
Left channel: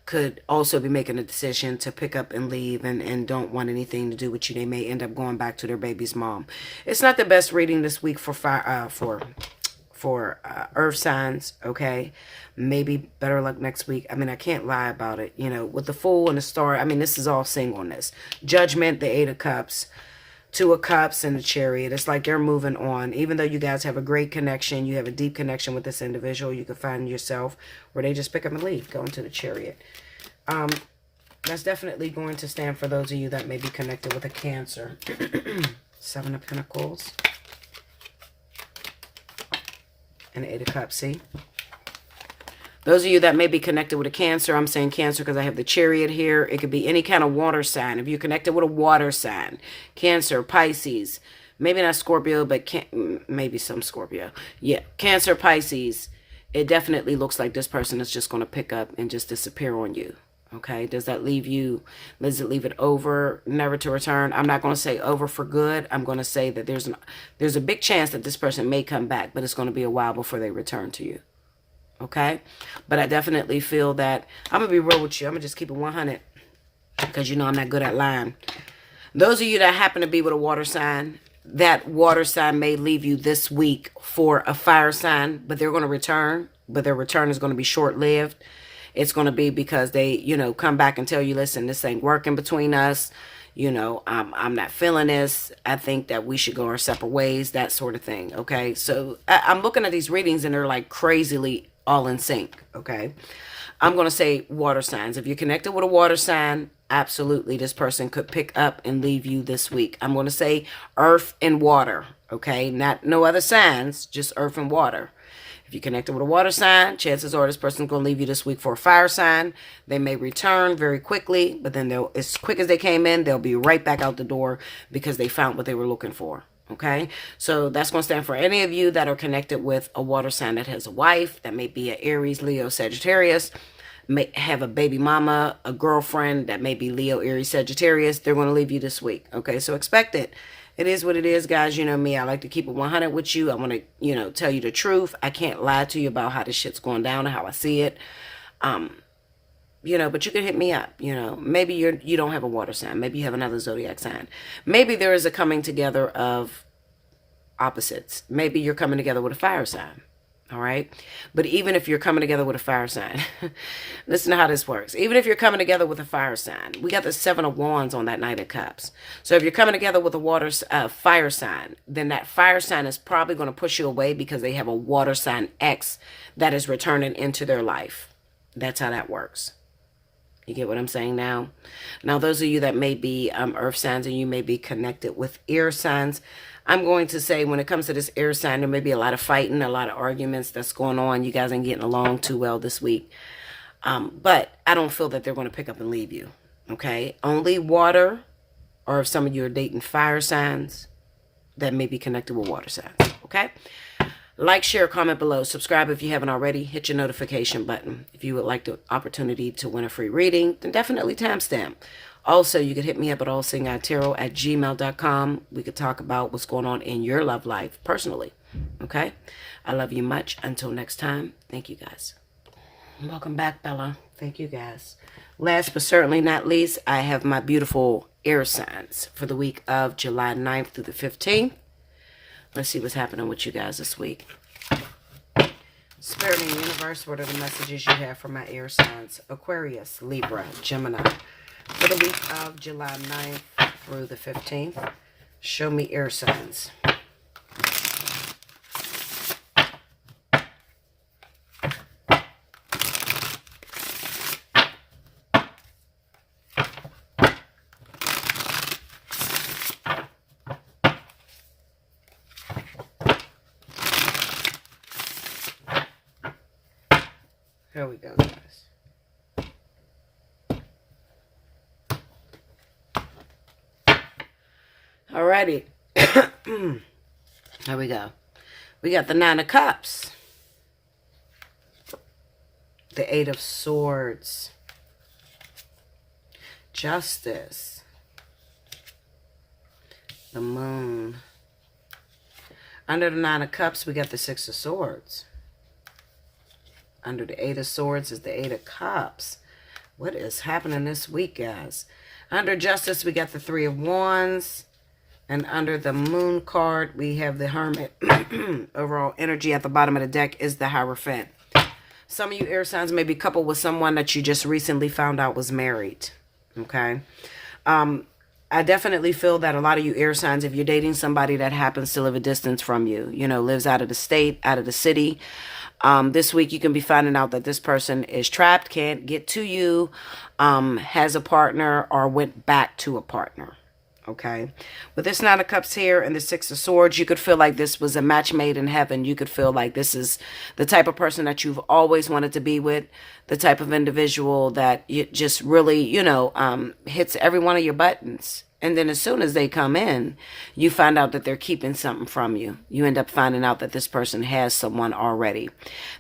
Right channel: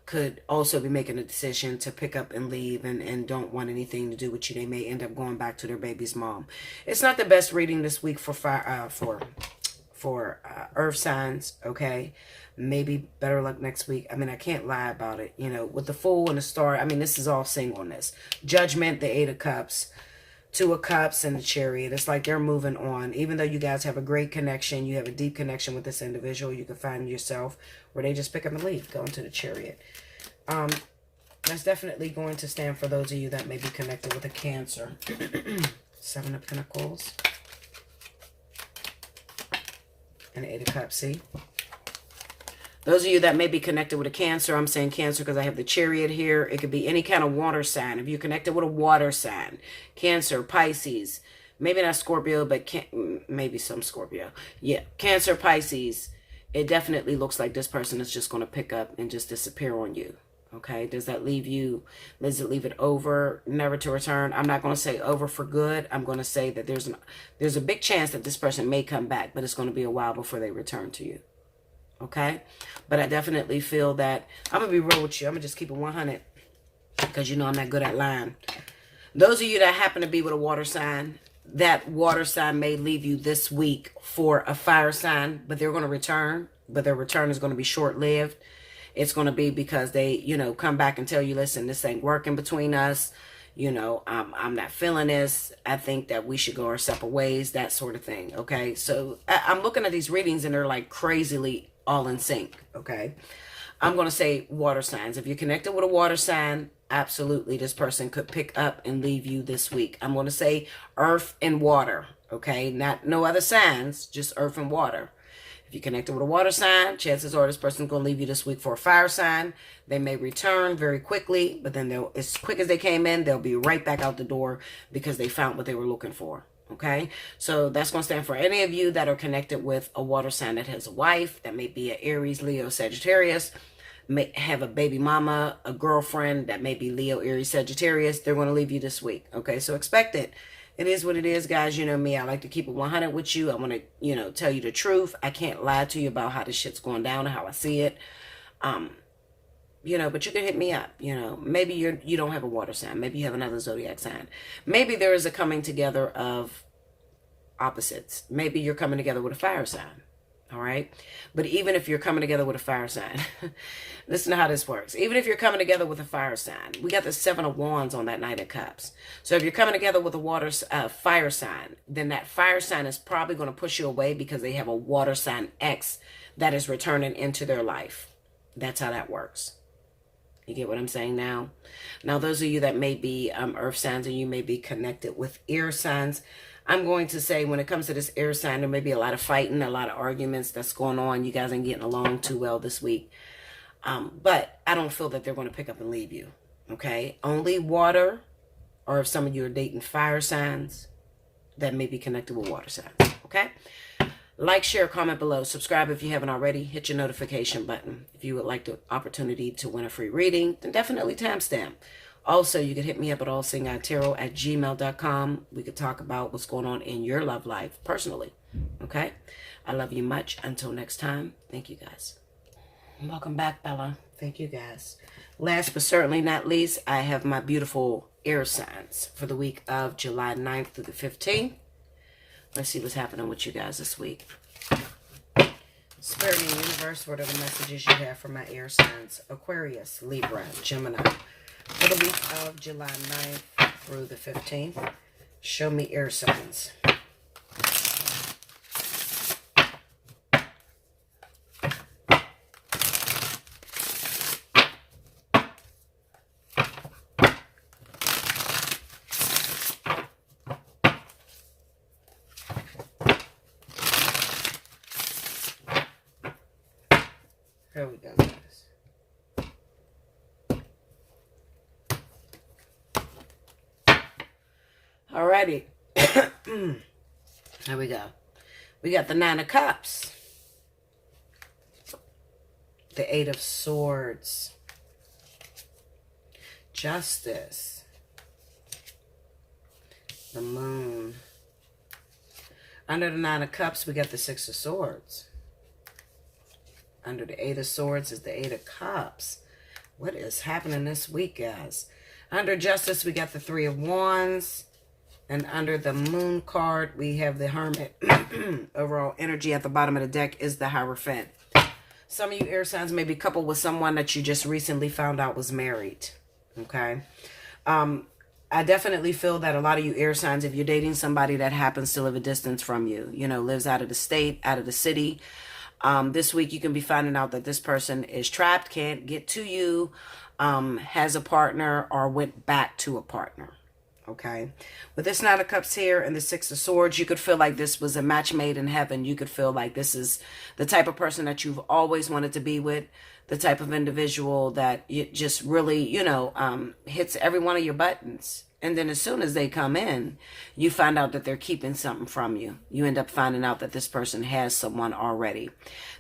could also be making a decision to pick up and leave and don't want anything to do with you. They may end up going back to their baby's mom. It's not the best reading this week for earth signs, okay? Maybe better luck next week. I mean, I can't lie about it. With the Fool and the Star, I mean, this is all singleness. Judgment, the 8 of Cups, 2 of Cups, and the Chariot. It's like they're moving on. Even though you guys have a great connection, you have a deep connection with this individual, you can find yourself where they just pick up and leave, go into the Chariot. That's definitely going to stand for those of you that may be connected with a Cancer. 7 of Pentacles. And 8 of Cups, see? Those of you that may be connected with a Cancer, I'm saying Cancer because I have the Chariot here. It could be any kind of water sign. If you're connected with a water sign, Cancer, Pisces, maybe not Scorpio, but maybe some Scorpio. Yeah, Cancer, Pisces. It definitely looks like this person is just going to pick up and just disappear on you. Okay, does that leave you, does it leave it over, never to return? I'm not going to say over for good. I'm going to say that there's a big chance that this person may come back, but it's going to be a while before they return to you. Okay, but I definitely feel that, I'm going to be real with you. I'm going to just keep it 100 because I'm not good at lying. Those of you that happen to be with a water sign, that water sign may leave you this week for a fire sign, but they're going to return, but their return is going to be short-lived. It's going to be because they, come back and tell you, listen, this ain't working between us. I'm not feeling this. I think that we should go our separate ways, that sort of thing. Okay. So I'm looking at these readings and they're like crazily all in sync. Okay. I'm going to say water signs. If you're connected with a water sign, absolutely, this person could pick up and leave you this week. I'm going to say earth and water. Okay. No other signs, just earth and water. If you're connected with a water sign, chances are this person's going to leave you this week for a fire sign. They may return very quickly, but then as quick as they came in, they'll be right back out the door because they found what they were looking for. Okay, so that's going to stand for any of you that are connected with a water sign that has a wife, that may be an Aries, Leo, Sagittarius, may have a baby mama, a girlfriend that may be Leo, Aries, Sagittarius. They're going to leave you this week. Okay, so expect it. It is what it is, guys. You know me. I like to keep it 100 with you. I want to, tell you the truth. I can't lie to you about how this shit's going down and how I see it. But you can hit me up. Maybe you don't have a water sign. Maybe you have another zodiac sign. Maybe there is a coming together of opposites. Maybe you're coming together with a fire sign. All right. But even if you're coming together with a fire sign, listen to how this works. Even if you're coming together with a fire sign, we got the 7 of Wands on that Knight of Cups. So if you're coming together with a fire sign, then that fire sign is probably going to push you away because they have a water sign X that is returning into their life. That's how that works. You get what I'm saying now? Now, those of you that may be earth signs and you may be connected with air signs, I'm going to say when it comes to this air sign, there may be a lot of fighting, a lot of arguments that's going on. You guys ain't getting along too well this week. But I don't feel that they're going to pick up and leave you. Okay? Only water, or if some of you are dating fire signs, that may be connected with water signs. Okay? Like, share, comment below. Subscribe if you haven't already. Hit your notification button. If you would like the opportunity to win a free reading, then definitely timestamp. Also, you can hit me up at allseeingeyetarot@gmail.com. We could talk about what's going on in your love life personally. Okay? I love you much. Until next time, thank you guys. Welcome back, Bella. Thank you guys. Last but certainly not least, I have my beautiful air signs for the week of July 9th through the 15th. Let's see what's happening with you guys this week. Spirit of the universe, what are the messages you have for my air signs? Aquarius, Libra, Gemini. For the week of July 9th through the 15th, show me air signs. Here we go, guys. Alrighty. Here we go. We got the Nine of Cups. The Eight of Swords. Justice. The Moon. Under the Nine of Cups, we got the Six of Swords. Under the Eight of Swords is the Eight of Cups. What is happening this week, guys? Under Justice, we got the Three of Wands. And under the Moon card, we have the Hermit. Overall energy at the bottom of the deck is the Hierophant. Some of you air signs may be coupled with someone that you just recently found out was married. Okay? I definitely feel that a lot of you air signs, if you're dating somebody that happens to live a distance from you, you know, lives out of the state, out of the city, this week you can be finding out that this person is trapped, can't get to you, has a partner, or went back to a partner. Okay. With this Nine of Cups here and the Six of Swords, you could feel like this was a match made in heaven. You could feel like this is the type of person that you've always wanted to be with, the type of individual that you just really, you know, hits every one of your buttons. And then as soon as they come in, you find out that they're keeping something from you. You end up finding out that this person has someone already.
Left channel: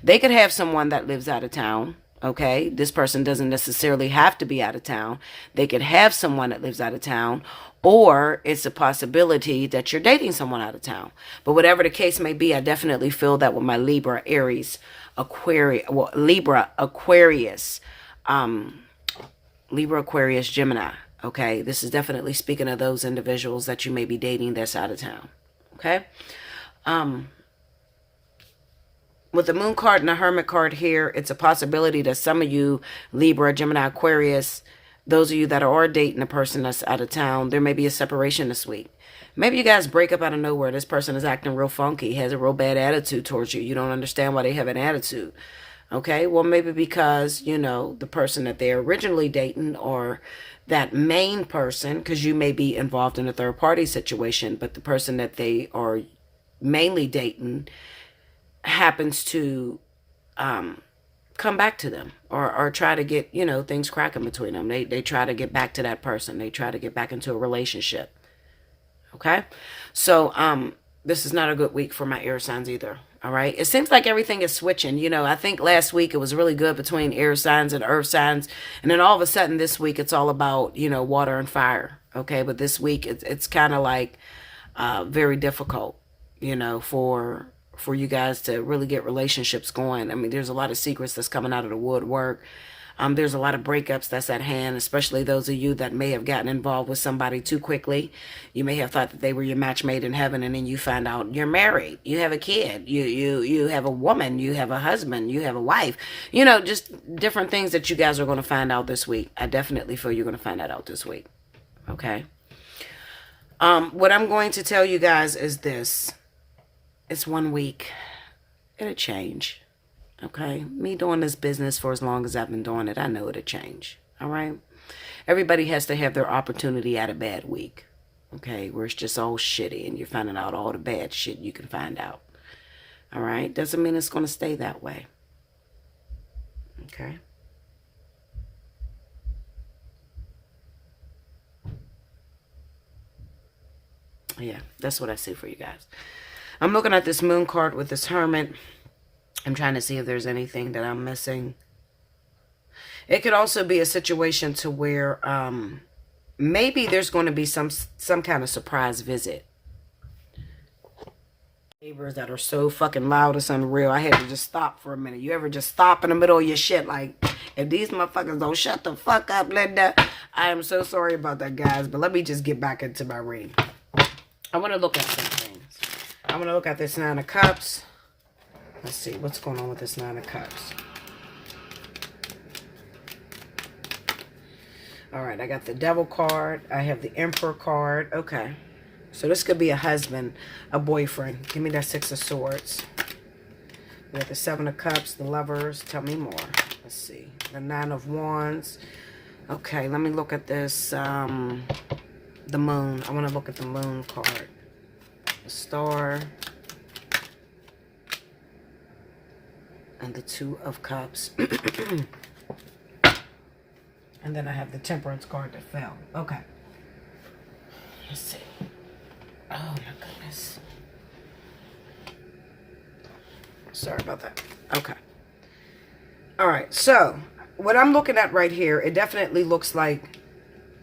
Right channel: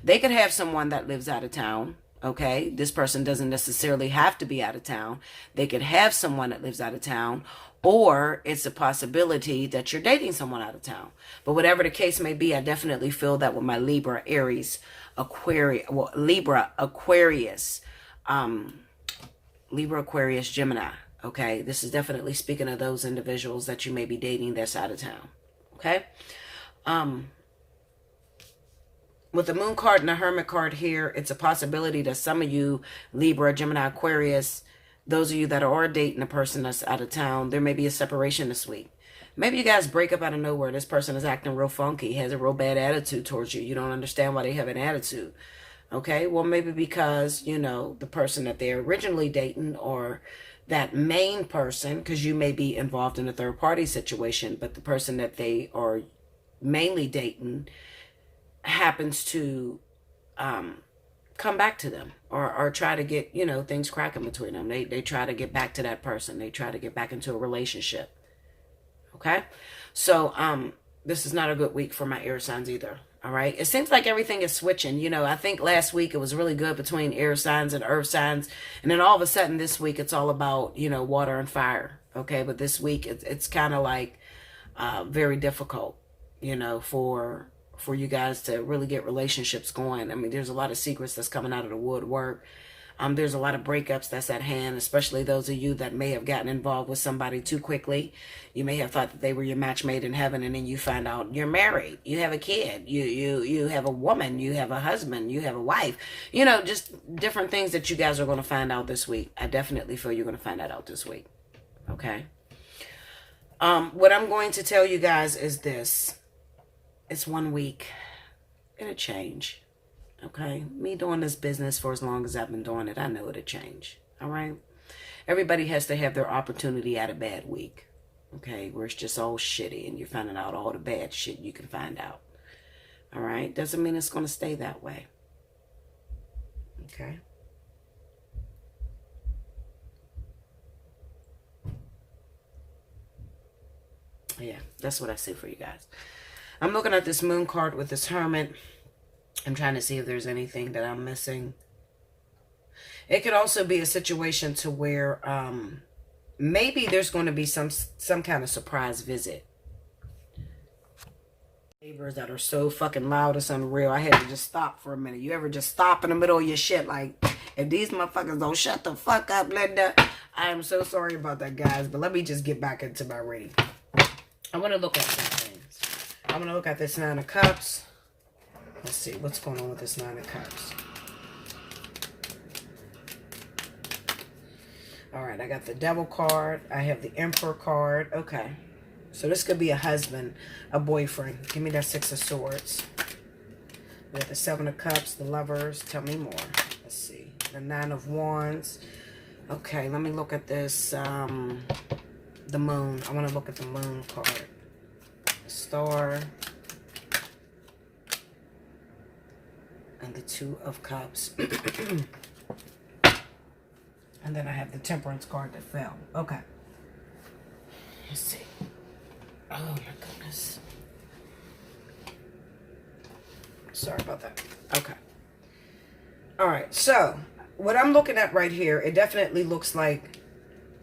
They could have someone that lives out of town. Okay. This person doesn't necessarily have to be out of town. They could have someone that lives out of town. Or it's a possibility that you're dating someone out of town. But whatever the case may be, I definitely feel that with my Libra, Aries, Aquarius, well, Libra, Aquarius, Gemini. Okay, this is definitely speaking of those individuals that you may be dating that's out of town. Okay. With the Moon card and the Hermit card here, it's a possibility that some of you, Libra, Gemini, Aquarius, those of you that are dating a person that's out of town, there may be a separation this week. Maybe you guys break up out of nowhere. This person is acting real funky, has a real bad attitude towards you. You don't understand why they have an attitude. Okay, well, maybe because, you know, the person that they're originally dating or that main person, because you may be involved in a third party situation, but the person that they are mainly dating happens to come back to them or try to get, you know, things cracking between them. They try to get back to that person. They try to get back into a relationship. Okay. So, this is not a good week for my air signs either. All right. It seems like everything is switching. You know, I think last week it was really good between air signs and earth signs. And then all of a sudden this week it's all about, you know, water and fire. Okay. But this week it's kind of like, very difficult, you know, for you guys to really get relationships going. I mean, there's a lot of secrets that's coming out of the woodwork. There's a lot of breakups that's at hand, especially those of you that may have gotten involved with somebody too quickly. You may have thought that they were your match made in heaven, and then you find out you're married, you have a kid, you have a woman, you have a husband, you have a wife. You know, just different things that you guys are going to find out this week. I definitely feel you're going to find that out this week. Okay. What I'm going to tell you guys is this. It's 1 week. It'll change. Okay? Me doing this business for as long as I've been doing it, I know it'll change. All right? Everybody has to have their opportunity at a bad week. Okay? Where it's just all shitty and you're finding out all the bad shit you can find out. All right? Doesn't mean it's going to stay that way. Okay? Yeah, that's what I see for you guys. I'm looking at this moon card with this hermit. I'm trying to see if there's anything that I'm missing. It could also be a situation to where maybe there's going to be some kind of surprise visit. Neighbors that are so fucking loud, it's unreal. I had to just stop for a minute. You ever just stop in the middle of your shit? Like, if these motherfuckers don't shut the fuck up, Linda. I am so sorry about that, guys. But let me just get back into my reading. I want to look at some things. I want to look at this Nine of Cups. Let's see what's going on with this Nine of Cups. All right, I got the Devil card. I have the Emperor card. Okay. So this could be a husband, a boyfriend. Give me that Six of Swords. We got the Seven of Cups, the Lovers. Tell me more. Let's see. The Nine of Wands. Okay, let me look at this. The Moon. I want to look at the Moon card. The Star. And the Two of Cups. And then I have the Temperance card that fell. Okay. Let's see. Oh my goodness. Sorry about that. Okay. All right. So what I'm looking at right here, it definitely looks like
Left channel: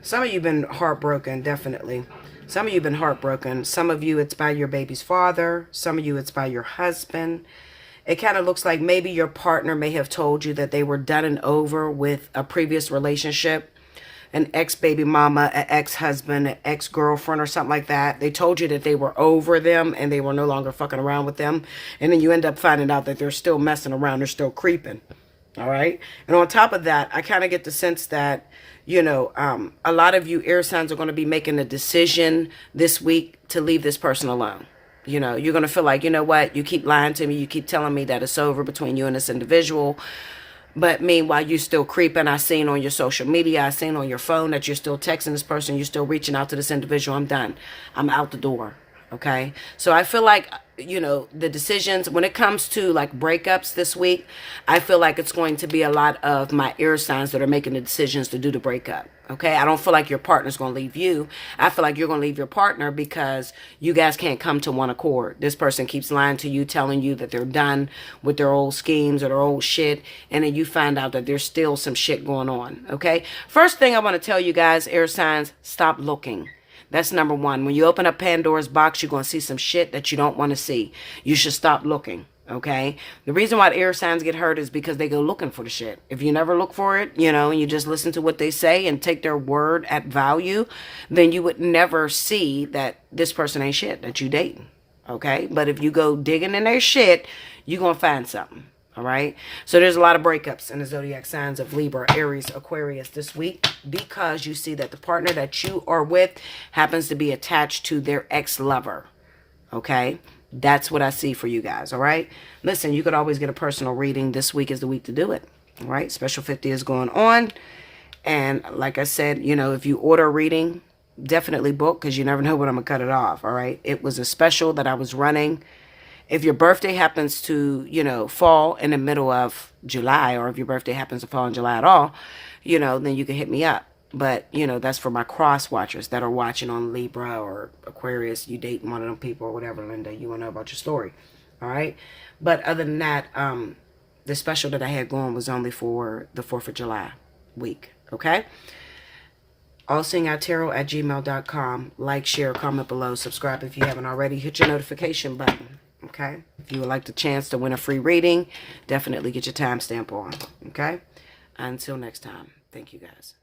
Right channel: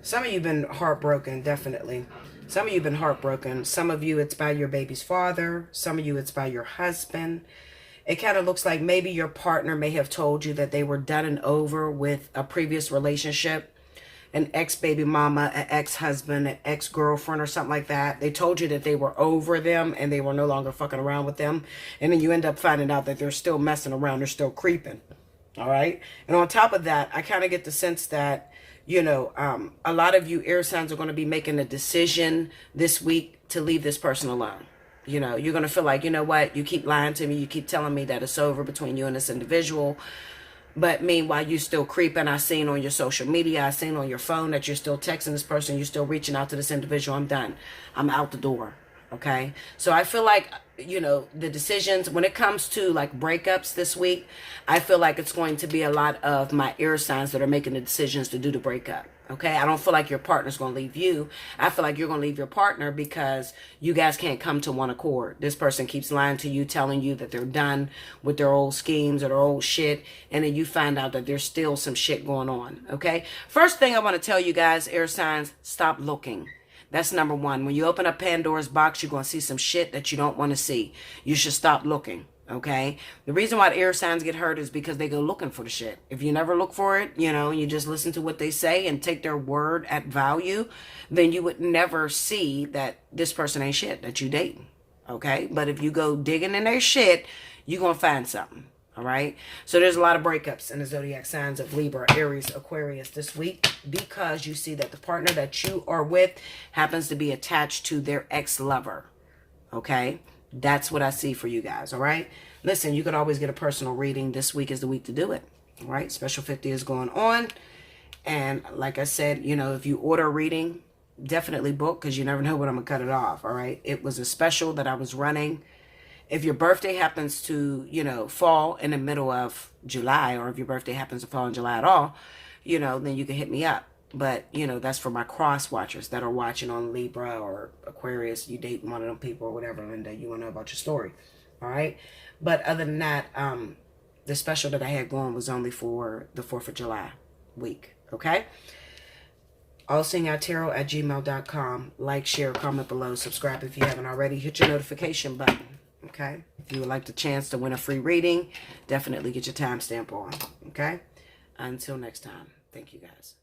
some of you have been heartbroken. Definitely. Some of you have been heartbroken. Some of you, it's by your baby's father. Some of you, it's by your husband. It kind of looks like maybe your partner may have told you that they were done and over with a previous relationship, an ex-baby mama, an ex-husband, an ex-girlfriend or something like that. They told you that they were over them and they were no longer fucking around with them. And then you end up finding out that they're still messing around. They're still creeping. All right. And on top of that, I kind of get the sense that, you know, a lot of you air signs are going to be making a decision this week to leave this person alone. You know, you're going to feel like, you know what, you keep lying to me. You keep telling me that it's over between you and this individual. But meanwhile, you still creeping. I seen on your social media, I seen on your phone that you're still texting this person. You're still reaching out to this individual. I'm done. I'm out the door. Okay. So I feel like, you know, the decisions when it comes to like breakups this week, I feel like it's going to be a lot of my air signs that are making the decisions to do the breakup. Okay. I don't feel like your partner's going to leave you. I feel like you're going to leave your partner because you guys can't come to one accord. This person keeps lying to you, telling you that they're done with their old schemes or their old shit. And then you find out that there's still some shit going on. Okay. First thing I want to tell you guys, air signs, stop looking. That's number one. When you open up Pandora's box, you're going to see some shit that you don't want to see. You should stop looking. Okay. The reason why the air signs get hurt is because they go looking for the shit. If you never look for it, you know, and you just listen to what they say and take their word at value, then you would never see that this person ain't shit that you dating. Okay. But if you go digging in their shit, you're going to find something. All right. So there's a lot of breakups in the zodiac signs of Libra, Aries, Aquarius this week because you see that the partner that you are with happens to be attached to their ex-lover. Okay. That's what I see for you guys. All right. Listen, you could always get a personal reading. This week is the week to do it. All right. Special 50 is going on. And like I said, you know, if you order a reading, definitely book because you never know when I'm going to cut it off. All right. It was a special that I was running. If your birthday happens to, you know, fall in the middle of July, or if your birthday happens to fall in July at all, you know, then you can hit me up. But, you know, that's for my cross watchers that are watching on Libra or Aquarius. You dating one of them people or whatever, Linda, you want to know about your story. All right. But other than that, the special that I had going was only for the 4th of July week. Okay. Allseeingeyetarot@gmail.com. Like, share, comment below. Subscribe if you haven't already. Hit your notification button. Okay. If you would like the chance to win a free reading, definitely get your timestamp on. Okay. Until next time. Thank you guys.